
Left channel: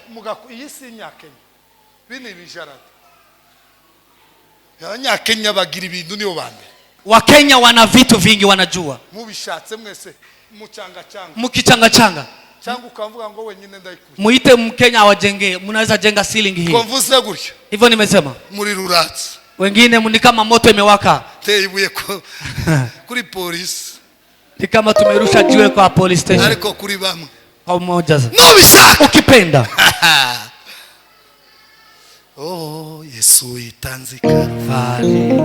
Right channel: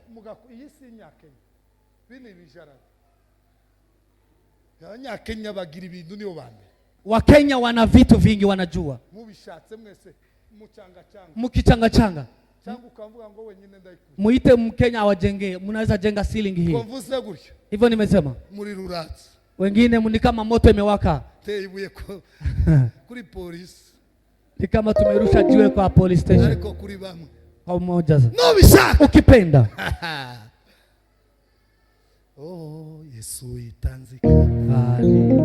Wakenya wana vitu vingi wanajua. Mukichanga muite Mkenya awajengee, mnaweza jenga ceiling hii. Hivyo nimesema. Wengine ni kama moto imewaka. Kuri police. Ni kama tumerusha jiwe kwa police station. Ariko kuri bamwe. Kwa mmoja. Nobishaka ukipenda. Oh, Yesu itanze Kalvari.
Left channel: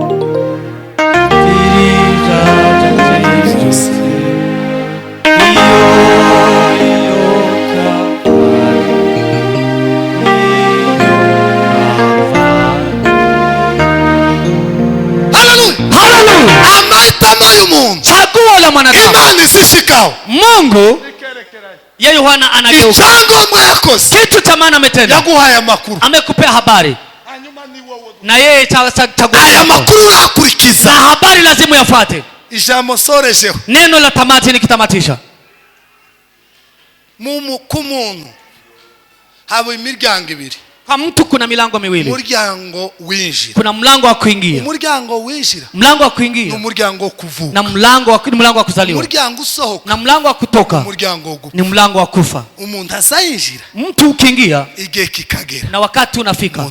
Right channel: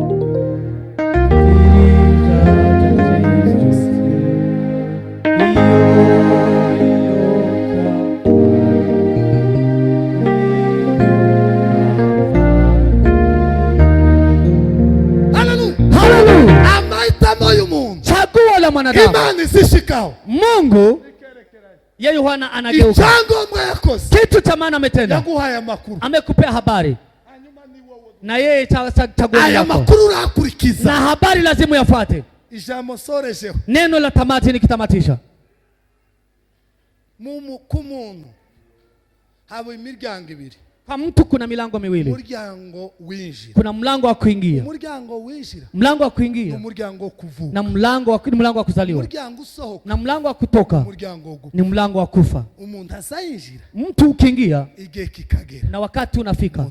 Chaguo la mwanadamu. Imani zishikao. Mungu yeye Yohana anageuka. Kitu cha maana ametenda. Yaguhaya makuru. Amekupea habari. Na yeye chaguo. Aya makuru yakurikiza. Na habari lazima yafuate. Ijambo sorejeho. Neno la tamati nikitamatisha. Mumu kumuntu habo imiryango ibiri. Kwa mtu kuna milango miwili. Umuryango winjira. Kuna mlango wa kuingia. Umuryango winjira. Mlango wa kuingia. Umuryango wo kuvuka. Na mlango wa kuzaliwa. Umuryango usohoka. Na mlango wa kutoka. Umuryango wo gupfa. Ni mlango wa kufa. Umuntu azayinjira. Mtu ukiingia igihe kikagera. Na wakati unafika.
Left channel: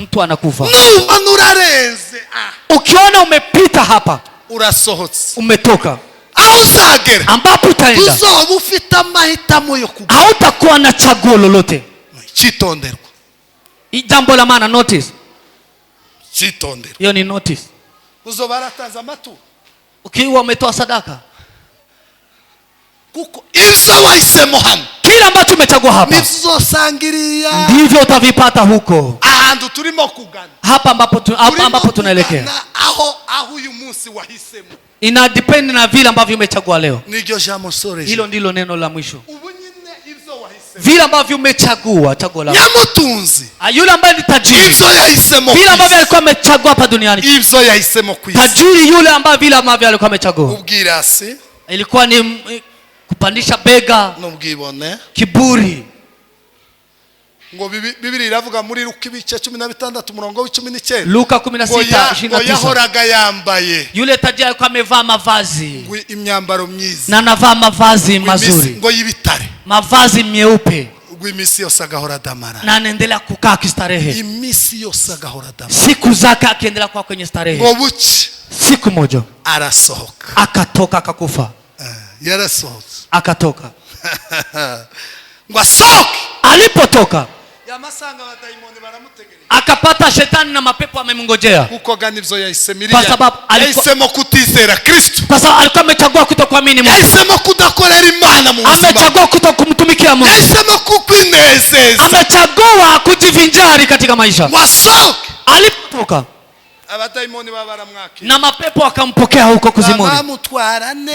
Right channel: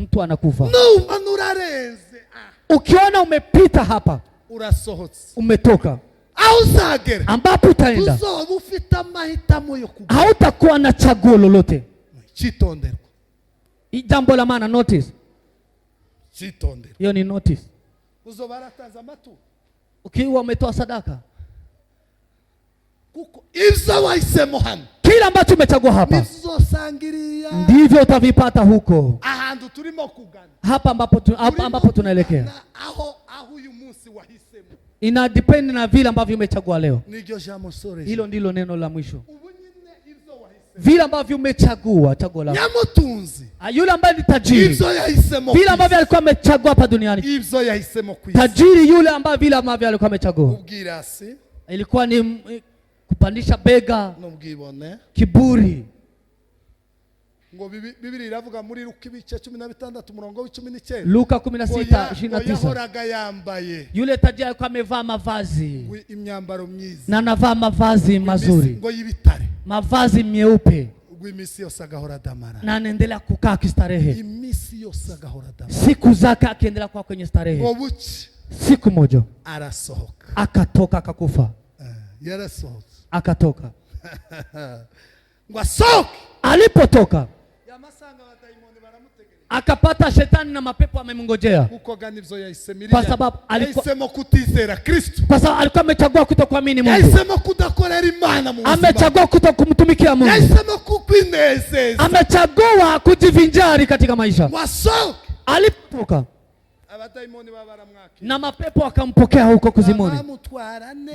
Mtu anakufa. Nuba nurarenze. Ukiona umepita hapa. Urasohotse. Umetoka. Aho uzagera. Ambapo utaenda. Uzoba ufite amahitamo yo kugwa. Hautakuwa na chaguo lolote. Chitonderwa. Jambo la maana notice. Chitonderwa. Hiyo ni notice. Uzoba aratanza amatu. Ukiwa umetoa sadaka. Kuko ivyo wahisemo hano. Kila ambacho umechagua hapa. Nizosangiriya. Ndivyo utavipata huko. Ahantu turimo kugana. Hapa ambapo tunaelekea. Aho uyu munsi wahisemo. Ina depend na vile ambavyo umechagua leo. Niryo jambo soreje. Hilo ndilo neno la mwisho. Ubu nyine ivyo wahisemo. Vile ambavyo umechagua chaguo lako. Nyamutunzi. Yule ambaye ni tajiri. Ivyo yahisemo. Vile ambavyo alikuwa amechagua hapa duniani. Ivyo yahisemo kwisi. Tajiri yule ambaye vile ambavyo alikuwa amechagua. Ubwirasi. Ilikuwa ni kupandisha bega. N'ubwibone. Kiburi. Ngo Biblia iravuga muri Luka 16:19. Luka 16:29. Yahoraga yambaye. Yule tajiri alikuwa amevaa mavazi. Imyambaro myiza. Na anavaa mavazi mazuri. Ngo yibitare. Mavazi meupe. Imisi yose agahora damara. Na anaendelea kukaa kistarehe. Imisi yose agahora damara. Siku zake akiendelea kuwa kwenye starehe. Ngo buki. Siku moja arasohoka. Akatoka akakufa. Yarasohotse. Akatoka. Ngo asohoke. Alipotoka. Yamasanga abadayimoni baramutegereje. Akapata shetani na mapepo amemngojea. Kuko gani ivyo yahisemiriya. Kwa sababu yahisemo kutizera Kristo. Kwa sababu alikuwa amechagua kutokuamini Mungu. Yahisemo kudakorera Imana mu buzima. Amechagua kutokumtumikia Mungu. Yahisemo kukwinezeza. Amechagua kujivinjari katika maisha. Wasohoke. Alipotoka. Abadayimoni babaramwakira. Na mapepo akampokea huko kuzimuni.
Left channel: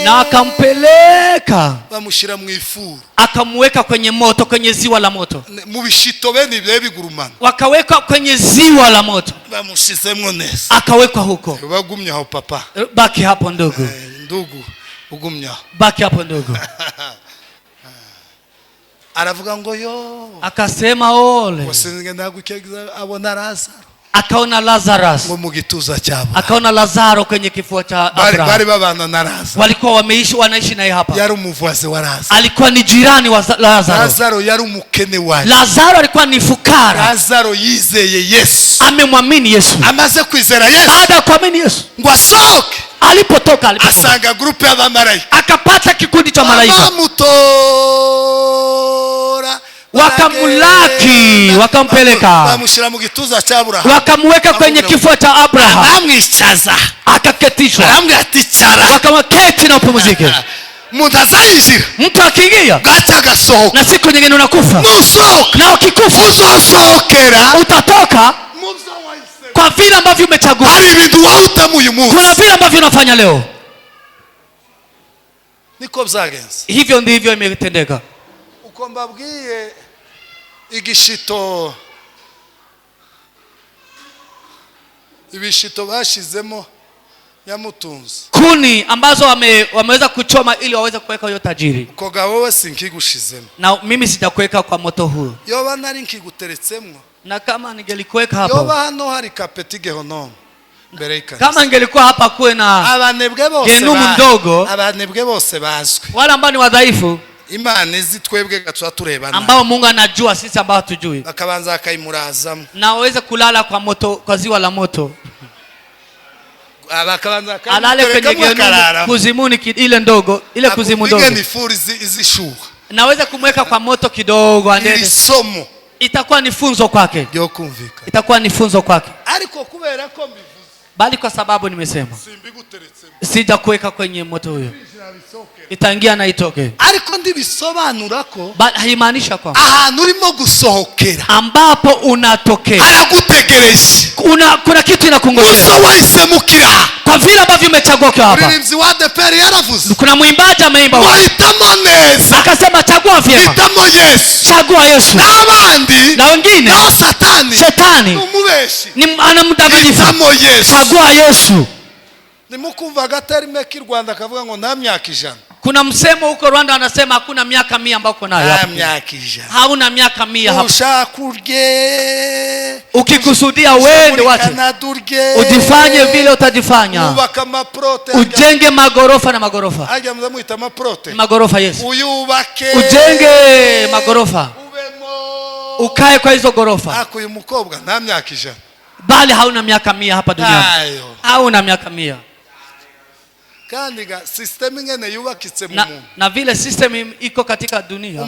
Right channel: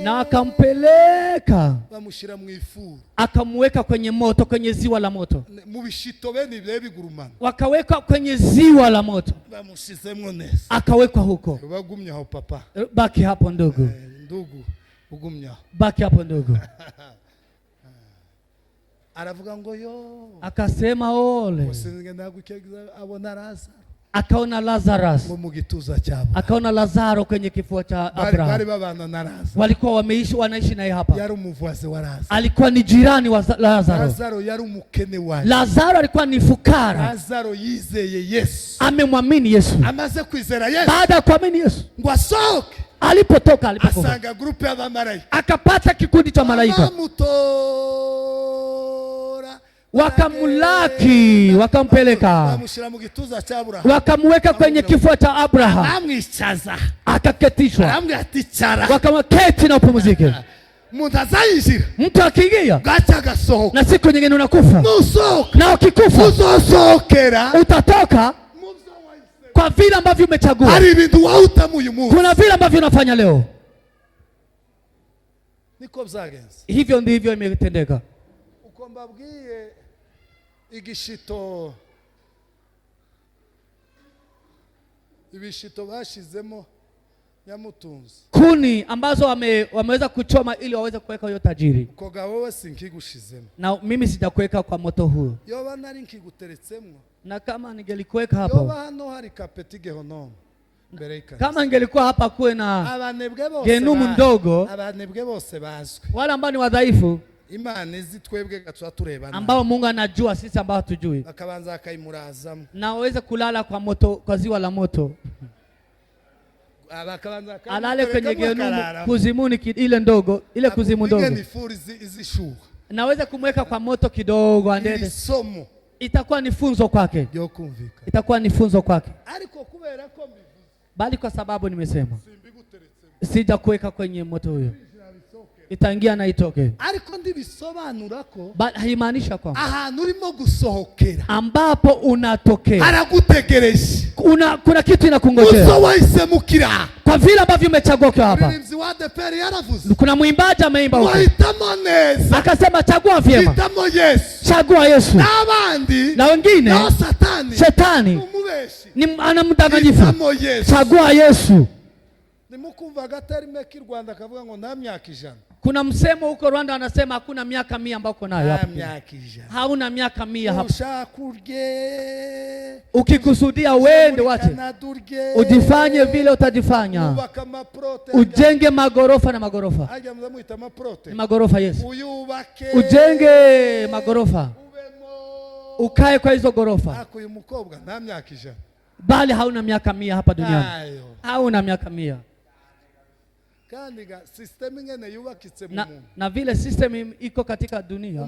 Na akampeleka. Bamushira mu ifuru. Akamweka kwenye moto, kwenye ziwa la moto. Mu bishito bene ibyo bigurumana. Wakaweka kwenye ziwa la moto. Bamushizemwo neza. Akawekwa huko. Bagumye aho papa. Baki hapo ndugu. Ndugu ugumye. Baki hapo ndugu. Aravuga ngo yo. Akasema ole. Wasinge ndagukegeza abona Lazaro. Akaona Lazarus. Ngo mu gituza cyabo. Akaona Lazaro kwenye kifua cha Abraham. Bari babana na Lazaro. Walikuwa wanaishi naye hapa. Yari umuvuzi wa Lazaro. Alikuwa ni jirani wa Lazaro. Lazaro yari umukene wake. Lazaro alikuwa ni fukara. Lazaro yizeye Yesu. Amemwamini Yesu. Amaze kwizera Yesu. Baada ya kuamini Yesu. Ngo asohoke. Alipotoka asanga grupe ya malaika. Akapata kikundi cha malaika. Wamutora. Wakamulaki, wakampeleka. Bamushira mu gituza cha Abraham. Wakamweka kwenye kifua cha Abraham. Bamwicaza. Akaketishwa. Baramwaticara. Wakamketi na upumzike. Mtu azayinjira. Mtu akiingia. Gacha gasohoka. Na siku nyingine unakufa. Nusohoka. Na ukikufa. Uzosohokera. Utatoka. Kwa vile ambavyo umechagua. Hari ibintu wahitamo uyu munsi. Kuna vile ambavyo unafanya leo. Niko byagenze. Hivyo ndivyo imetendeka. Uko mbabwiye igishito. Ibishito bashizemo Nyamutunzi. Kuni ambazo wameweza kuchoma ili waweze kuweka hiyo tajiri. Ukoga wowe sinkigushizemo. Na mimi sijakuweka kwa moto huu. Yoba nari nkiguteretsemo. Na kama ningelikuweka hapo. Yoba hano hari kapeti gehonomo. Kama ingelikuwa hapa kuwe na abanebwe bose genumu ndogo. Abanebwe bose bazwe. Wale ambao ni wadhaifu. Imana izi twebwe gatwa turebana. Ambao Mungu anajua sisi ambao hatujui. Akabanza akaimurazamo. Na waweze kulala kwa moto, kwa ziwa la moto. Abakabanza alale kwenye genumu kuzimuni ile ndogo, ile kuzimu ndogo. Ni furizi izishuha. Naweza kumweka kwa moto kidogo andende. Somo. Itakuwa ni funzo kwake. Ndio kumvika. Itakuwa ni funzo kwake. Ariko kubera ko mbivuze. Bali kwa sababu nimesema. Sija kuweka kwenye moto huyo. Itaingia na itoke. Ariko ndibisobanura ko haimaanisha kwamba ahantu urimo gusohokera ambapo unatokea aragutegereje. Kuna kitu inakungojea. Uso waisemukira. Kwa vile ambavyo umechagua kwa hapa. Mwimbzi wa ADEPR yaravuze. Kuna mwimbaji ameimba huko. Wahitamo neza. Akasema chagua vyema. Hitamo Yesu. Chagua Yesu. Na abandi. Na wengine. Na Satani. Shetani. Umubeshi. Ni anamdanganyifu. Hitamo Yesu. Chagua Yesu. nimukumva gaterime ki Rwanda akavuga ngo nta myaka 100. Kuna msemo huko Rwanda anasema hakuna miaka 100 ambao uko nayo hapo. Myaka 100. Hauna miaka 100 hapo. Ushakurye. Ukikusudia wende wache. Ujifanye vile utajifanya. Ubaka maprote. Ujenge magorofa na magorofa. Haja mzamuita maprote. Magorofa yes. Uyubake. Ujenge magorofa. Ukae kwa hizo gorofa. Hako uyu mukobwa nta myaka 100. Bali hauna miaka 100 hapa duniani. Hauna miaka 100. Kandi ga system ngene yubakitse mu muntu. Na vile system iko katika dunia.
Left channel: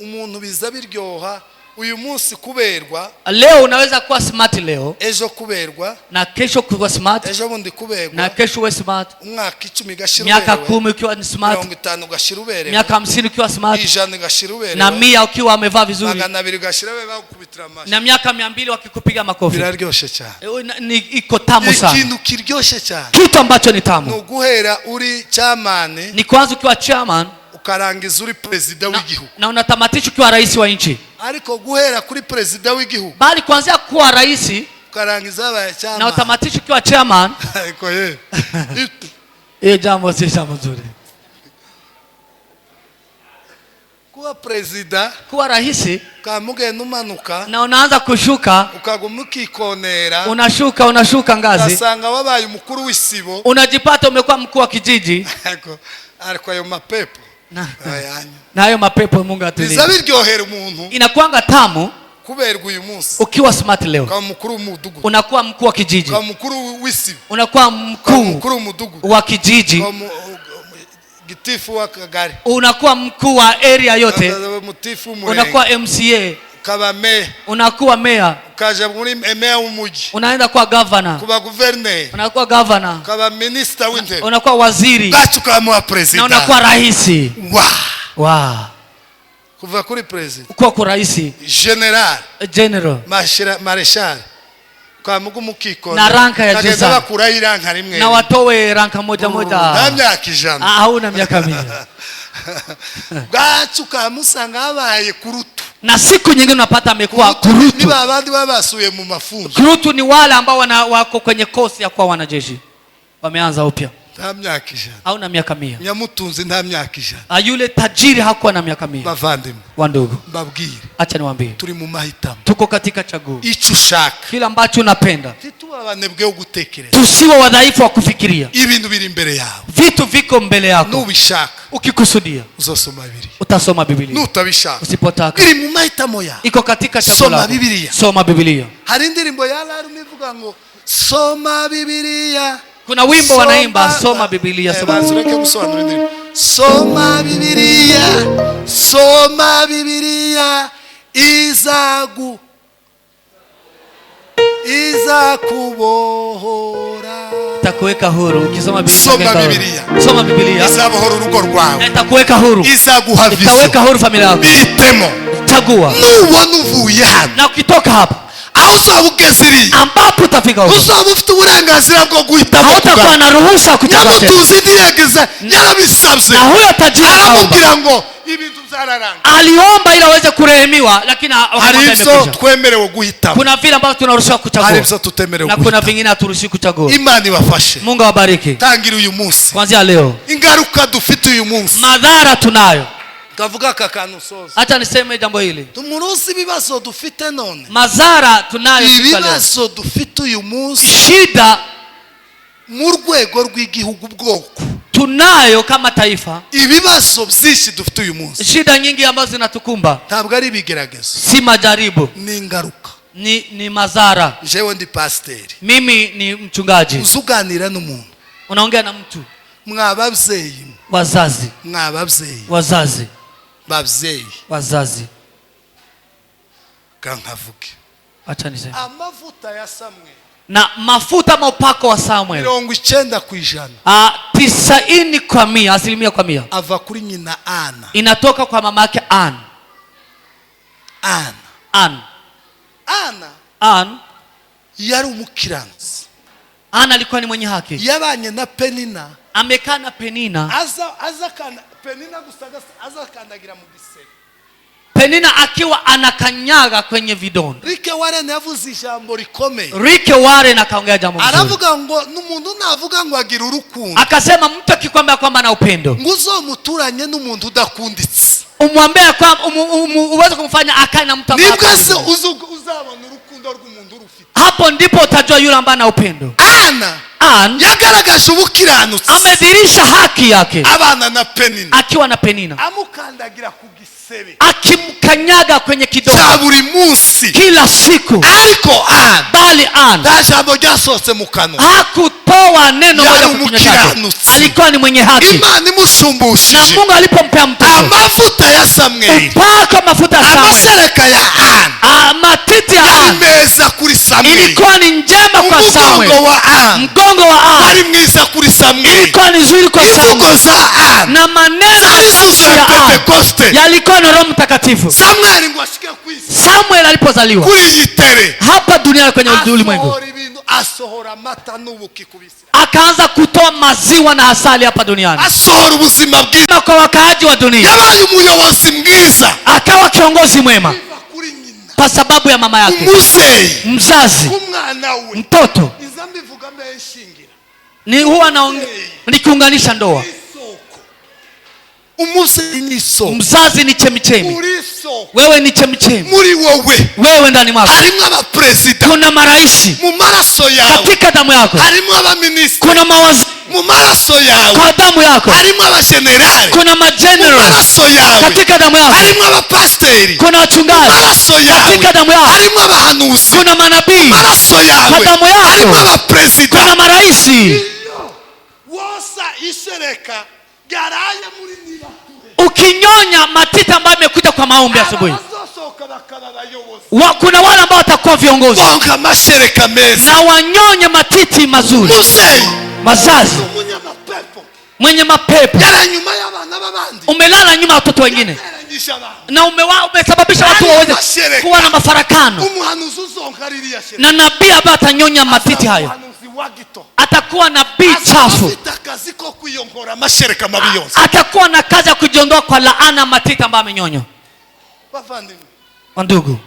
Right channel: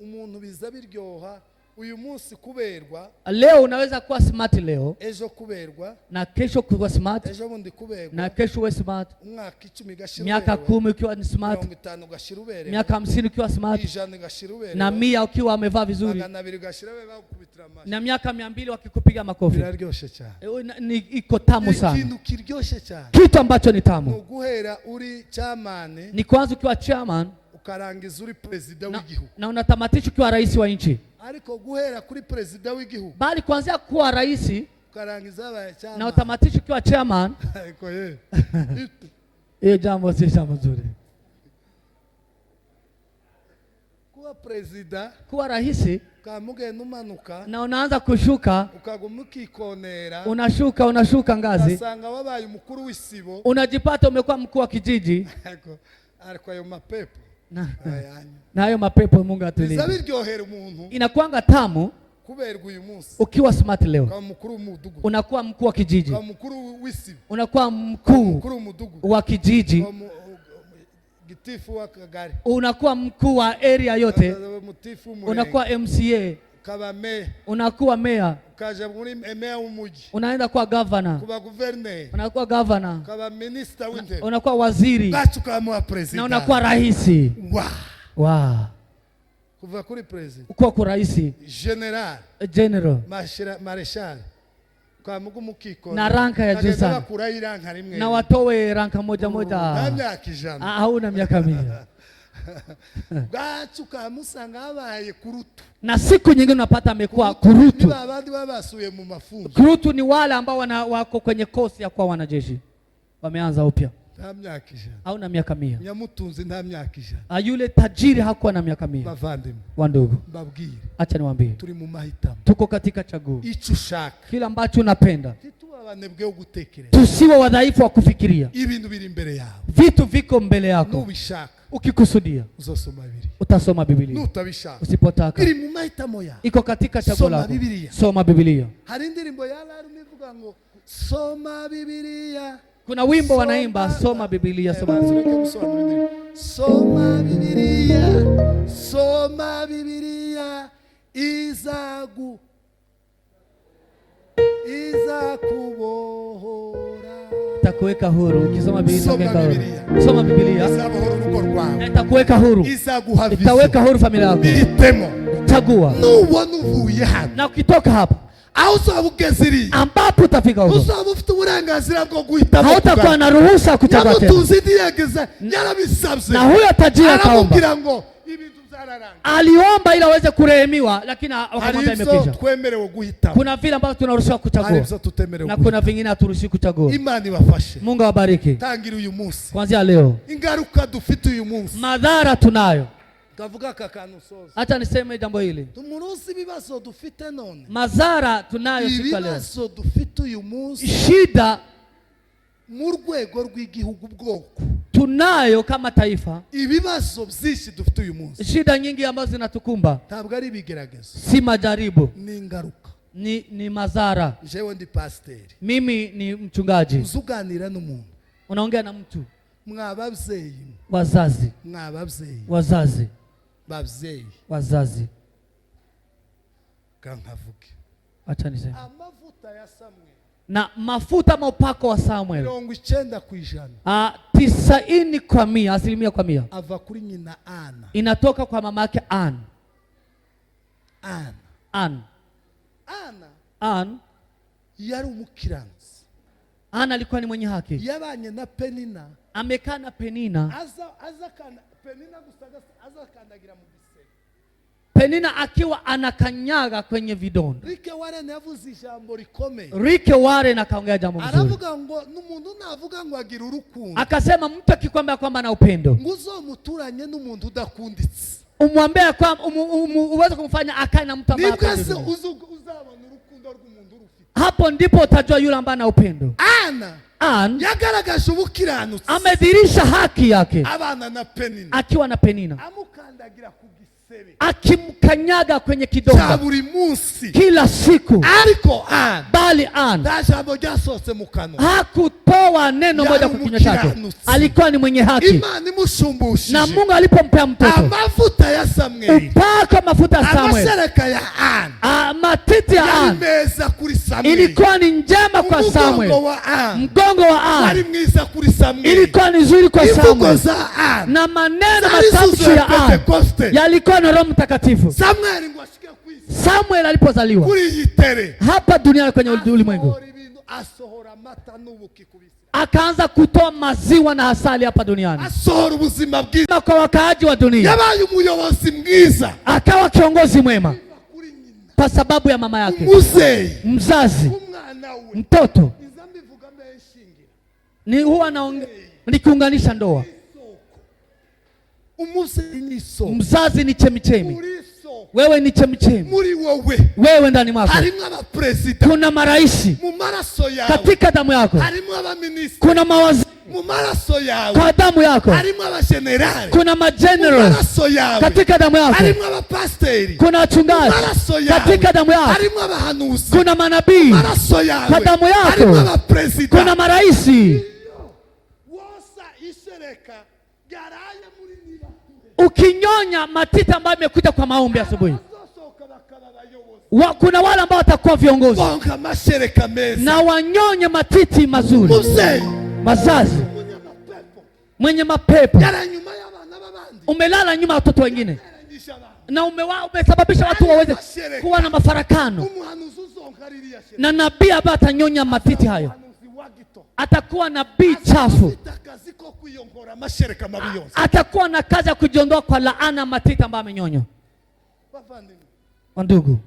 Umuntu biza biryoha uyu munsi kuberwa. Leo unaweza kuwa smart leo. Ejo kuberwa. Na kesho kuwa smart. Ejo bundi kuberwa. Na kesho uwe smart. Umwaka 10 gashira miaka 10 ukiwa ni smart. 50 gashira uberewe. Miaka 50 ukiwa smart. 100 gashira uberewe. Na 100 ukiwa amevaa vizuri. 200 gashira wewe bakubitira amashi. Na miaka 200 wakikupiga makofi. Biraryoshe cyane. Ni iko tamu sana. Ikintu kiryoshe cyane. Kitu ambacho ni tamu. No guhera uri chairman. Ni kwanza ukiwa chairman. Ukarangiza uri president w'igihugu. Na unatamatisha ukiwa rais wa nchi. Ariko guhera kuri president w'igihugu. Bali kuanzia kuwa rais ukarangiza aba chairman. Na utamatisha ukiwa chairman. Ariko yeye. Jambo si jambo zuri. Kuwa president, kuwa rais, kamugenda umanuka na unaanza kushuka, ukaguma ukikonera, unashuka ngazi, ugasanga wabaye umukuru w'isibo, unajipata umekuwa mkuu wa kijiji. Ariko ayo mapepo na hayo mapepo Mungu atulie. Bizabiryohera umuntu. Inakuanga tamu kuberwa uyu munsi. Ukiwa smart leo. Kama mkuru w'umudugudu. Unakuwa mkuu wa kijiji. Kama mkuru w'isibo. Unakuwa mkuu w'umudugudu. wa kijiji. Gitifu wa kagari. Unakuwa mkuu wa area yote. Unakuwa MCA. Kaba mayor. Unakuwa mayor. Ukaja muri mayor w'umuji. Unaenda kwa governor. Kuba governor. Unakuwa governor. Kaba minister w'intebe. Unakuwa waziri. Gachu kama president. Na unakuwa rais. Wow. Kuva kuri president. Uko rais. General. Marshal. Kwa mugu mukiko. Na ranka ya juu sana. Na watowe ranka moja. Na myaka 100. Hauna miaka 100. Gachu kamusanga abaye kurutu. Na siku nyingine unapata amekuwa kurutu. Ni babandi babasuye mu mafunzo. Kurutu ni wale ambao wako kwenye kosi ya kuwa wanajeshi. Wameanza upya. Nta myaka 100. Hauna miaka 100. Nyamutunzi nta myaka 100. Yule tajiri hakuwa na miaka 100. Bavandimwe. Wandugu. Babwire. Acha niwaambie. Turi mu mahitamo. Tuko katika chaguo. Ico ushaka. Kila ambacho unapenda. Titu abanebwe ugutekereza. Tusiwe wadhaifu wa kufikiria. Ibintu biri imbere yawe. Vitu viko mbele yako. Nubishaka. Ukikusudia. Uzosoma Biblia. Utasoma Biblia. Nutabishaka. Usipotaka. Biri mu mahitamo yawe. Iko katika chaguo lako. Soma Biblia. Soma Biblia. Hari indirimbo yalarume ivuga ngo soma Biblia. Kuna wimbo wanaimba soma Biblia. Soma Biblia. Soma Biblia. Iza kubohora. Takuweka huru ukisoma Biblia. Soma Biblia. Izabohora urugo rwawe. Takuweka huru. Izaguhavisa. Itaweka huru familia yako. Itemo. Chagua. Nubona uvuye hano. Na ukitoka hapa uzabugeziri ambapo utafika huko uzaba ufite uburenganzira bwo guhitamo hautakuwa na ruhusa kuchagua tena. Nyamutunzi dirigeza yarabisabye na huyo tajiri aramubwira ngo ibintu byararanga aliomba ili aweze kurehemiwa lakini akamwambia imekwisha. Twemerewe guhitamo. Kuna vile ambavyo tunaruhusiwa kuchagua na kuna vingine haturuhusiwi kuchagua. Imani ibafashe. Mungu awabariki. Tangira uyu munsi kuanzia leo ingaruka dufite uyu munsi madhara tunayo. Kavuga kakanu soza. Acha niseme jambo hili. Tumurusi bibazo dufite none. Mazara tunayo ibibazo dufite uyu munsi. Shida mu rwego rw'igihugu bwoko. Tunayo kama taifa. Ibibazo byinshi dufite uyu munsi. Shida nyingi ambazo zinatukumba. Ntabwo ari bigeragezo. Si majaribu. Ni ingaruka. Ni mazara. Jewe ndi pasiteri. Mimi ni mchungaji. Uzuganira n'umuntu. Unaongea na mtu. Mwababyeyi. Wazazi. Mwababyeyi. Wazazi. Babyeyi. Wazazi. Kankavuke. Acha niseme. Amavuta ya Samuel. Na mafuta mopako wa Samuel. 90%. 90%, asilimia kwa 100. Ava kuri nyina Ana. Inatoka kwa mama yake Ann. Yari umukiranzi. Ann alikuwa ni mwenye haki. Yabanye na Penina. Amekaa na Penina. Aza kana Penina gusaga aza kandagira mu gisebe. Penina akiwa anakanyaga kwenye vidonda. Rick Warren yavuze ijambo rikomeye. Rick Warren akaongea jambo mzuri. Aravuga ngo n'umuntu navuga ngo agira urukundo. Akasema mtu akikwambia kwamba ana upendo, nguzomuturanye n'umuntu udakunditse. Umwambie kwamba uweze kumfanya akae na mtu ambaye uzabona urukundo rw'umuntu rufite. Hapo ndipo utajua yule ambaye ana upendo. Anne yagaragaje ubukiranutsi, amedirisha haki yake abana na Penina, akiwa na Penina, amukandagira ku gisebe, akimkanyaga kwenye kidonda buri munsi kila siku. Ariko Anne, bali Anne tajambo ryasose mu kanwa, hakutoa neno moja kwa kinywa chake. Alikuwa ni mwenye haki. Imana imusumbushije, na Mungu alipompea mtoto amavuta ya Samuel, upaka mafuta ya Samuel, amashereka ya Anne, matiti ya Anne meza kuri Samuel, ilikuwa ni njema kwa Samuel. Mgongo wa Anne wali mwiza kuri Samuel, ilikuwa ni nzuri kwa Samuel. Na maneno matamshi ya Anne yalikuwa na Roho Mtakatifu. Samuel alipozaliwa kuri yitere hapa duniani kwenye ulimwengu, asohora mata n'ubuki kubisi, akaanza kutoa maziwa na asali hapa duniani, asohora ubuzima bwiza kwa wakaaji wa dunia. Yabaye umuyobozi mwiza, akawa kiongozi mwema kwa sababu ya mama yake, mzazi, mtoto. Ni huwa nikiunganisha ndoa. Mzazi ni chemichemi, wewe ni chemichemi, wewe ndani mwako kuna maraisi, katika damu yako kuna mawaziri, kwa damu yako kuna majenerali, katika damu yako kuna wachungaji, katika damu yako kuna manabii, kwa damu yako kuna maraisi. Ukinyonya matita ambayo imekuja kwa maombi asubuhi, kuna wale ambao watakuwa viongozi na wanyonye matiti mazuri. Mazazi mwenye mapepo, umelala nyuma ya watoto wengine na umesababisha watu waweze kuwa na mafarakano. Na nabii ambaye atanyonya matiti hayo atakuwa nabii chafu, atakuwa na kazi ya kujiondoa kwa laana matiti ambayo amenyonywa. Ndugu,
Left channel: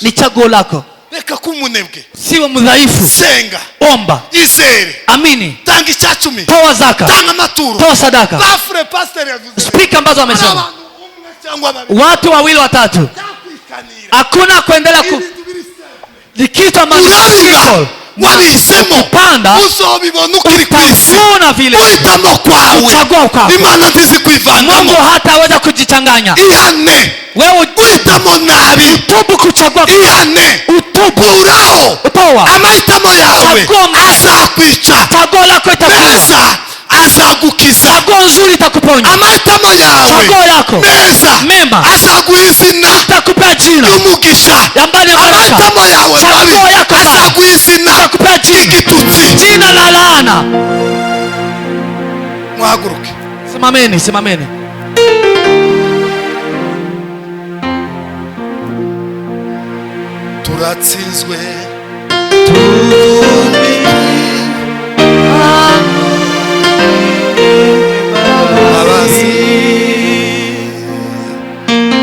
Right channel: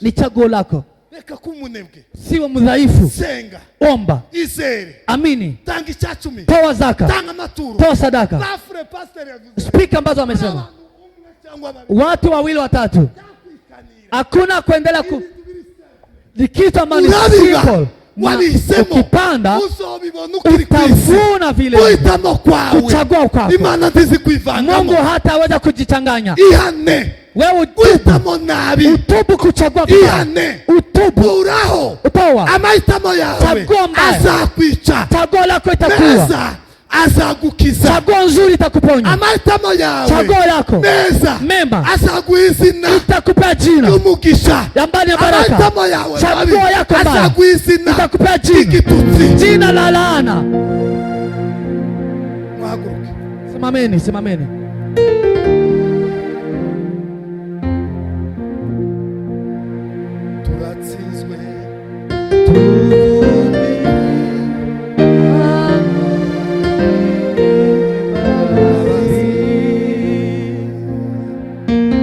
ni chaguo lako. Reka kumunebwe, siwe mdhaifu. Senga, omba, izere, amini, tangi chachumi, toa zaka, tanga maturo, toa sadaka. Bafre pastor yavuze, speak ambazo wamesema watu wawili watatu, hakuna kuendelea likitu ambacho ukipanda utavuna vile, uchagua ukako. Mungu hataweza kujichanganya. Wewe utubu kuchagua utubu utoa chaguo lako itakuwa azagukiza, chaguo nzuri itakuponya. Amatamo yawe chaguo yako mema azaguizina, itakupea jina umugisha. Yambani baraka. Amatamo yawe chaguo yako azaguizina, itakupea jina la laana. Mwahaguruke, simameni, simameni. Turatsinzwe,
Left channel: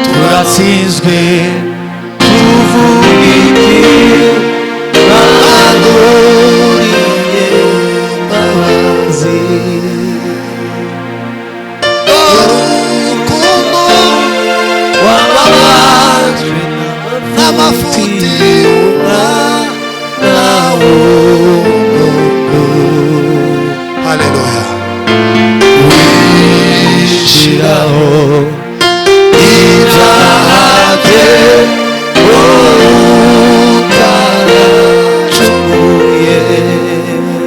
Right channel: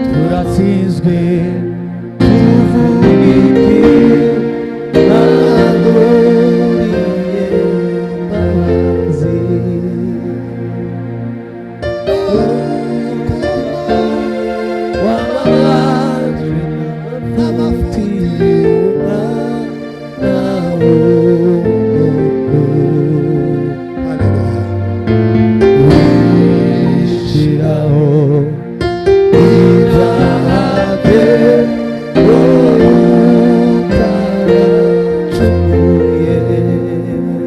turatsinzwe, tuvugike bagoriye babazi. urukundo wababajwe n'amafuti nawo. Haleluya. Wishiraho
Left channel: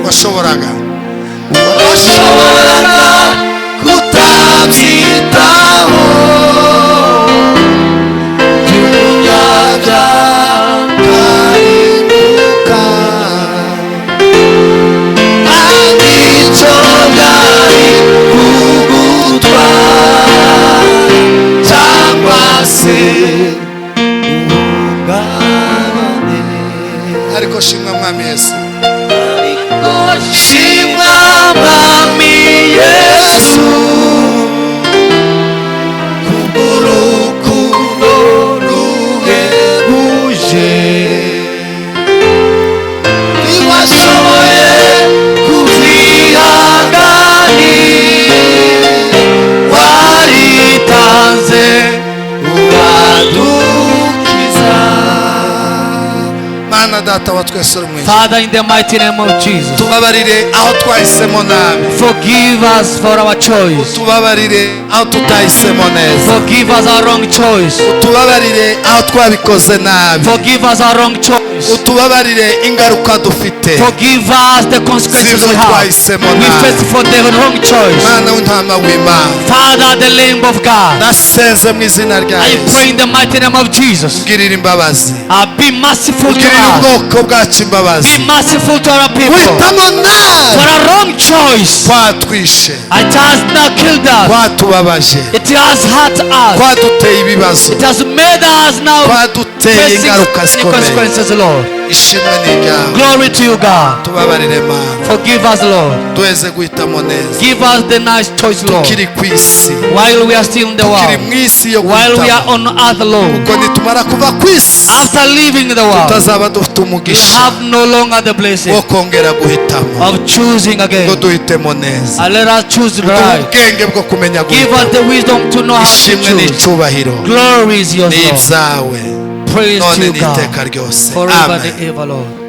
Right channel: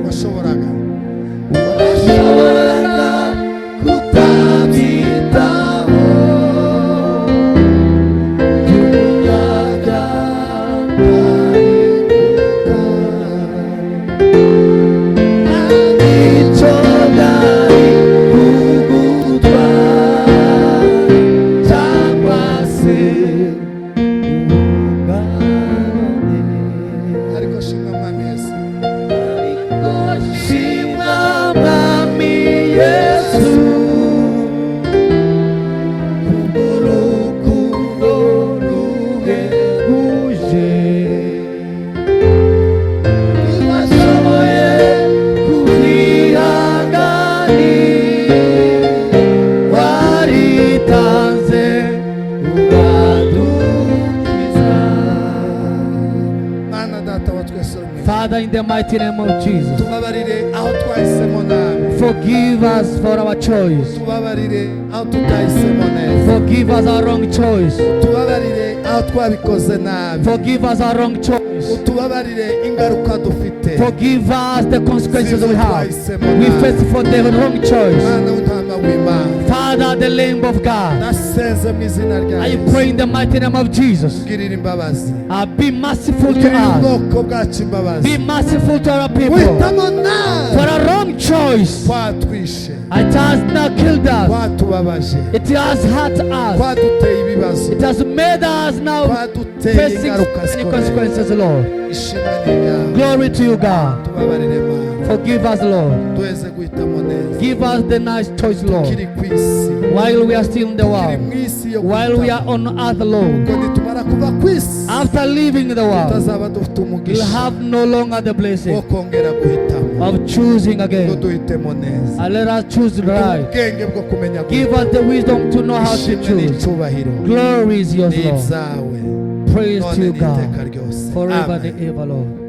washoboraga kutabyitaho, by'umunyabyaha data wa twese uri mu ijuru, Father, in the mighty name of Jesus, tubabarire aho twahisemo nabi, forgive us for our choice. tubabarire aho tutahisemo neza, Forgive us our wrong choice. tubabarire aho twabikoze nabi, Forgive us our wrong choice. utubabarire ingaruka dufite Forgive us the consequences we have. We face for the wrong choice. Mwana w'intama w'Imana, Father, the Lamb of God, nasenze mu izina rya I Yesu, pray in the mighty name of Jesus. ugirire imbabazi, Be merciful to ugirire us. ubwoko bwacu imbabazi, Be merciful to our people. witamo nabi For a wrong choice, twatwishe, it has not killed us. twatubabaje, It has hurt us. twaduteye ibibazo, It has made us now twaduteye facing ingaruka the zikomeye. consequences, Lord. Ishimwe ni ryawe, Glory to you, God. tubabarire Mana, Forgive us, Lord. duheze guhitamo neza, Give us the nice choice, Lord. tukiri ku isi, While we are still in the tukiri world, mu isi yo while we are guhitamo, on earth, Lord, kuko nitumara kuva ku isi after leaving the world, tutazaba dufite we umugisha have no longer the wo blessing kongera guhitamo, of choosing ngo again. duhitemo neza, And let us choose duhe right. ubwenge bwo kumenya Give guhitamo. us the wisdom to know how to Ishimwe choose. n'icyubahiro Glory is yours, ni Lord. ibyawe Praise to none you, God, n'iteka ryose, forever amen. and ever, Lord.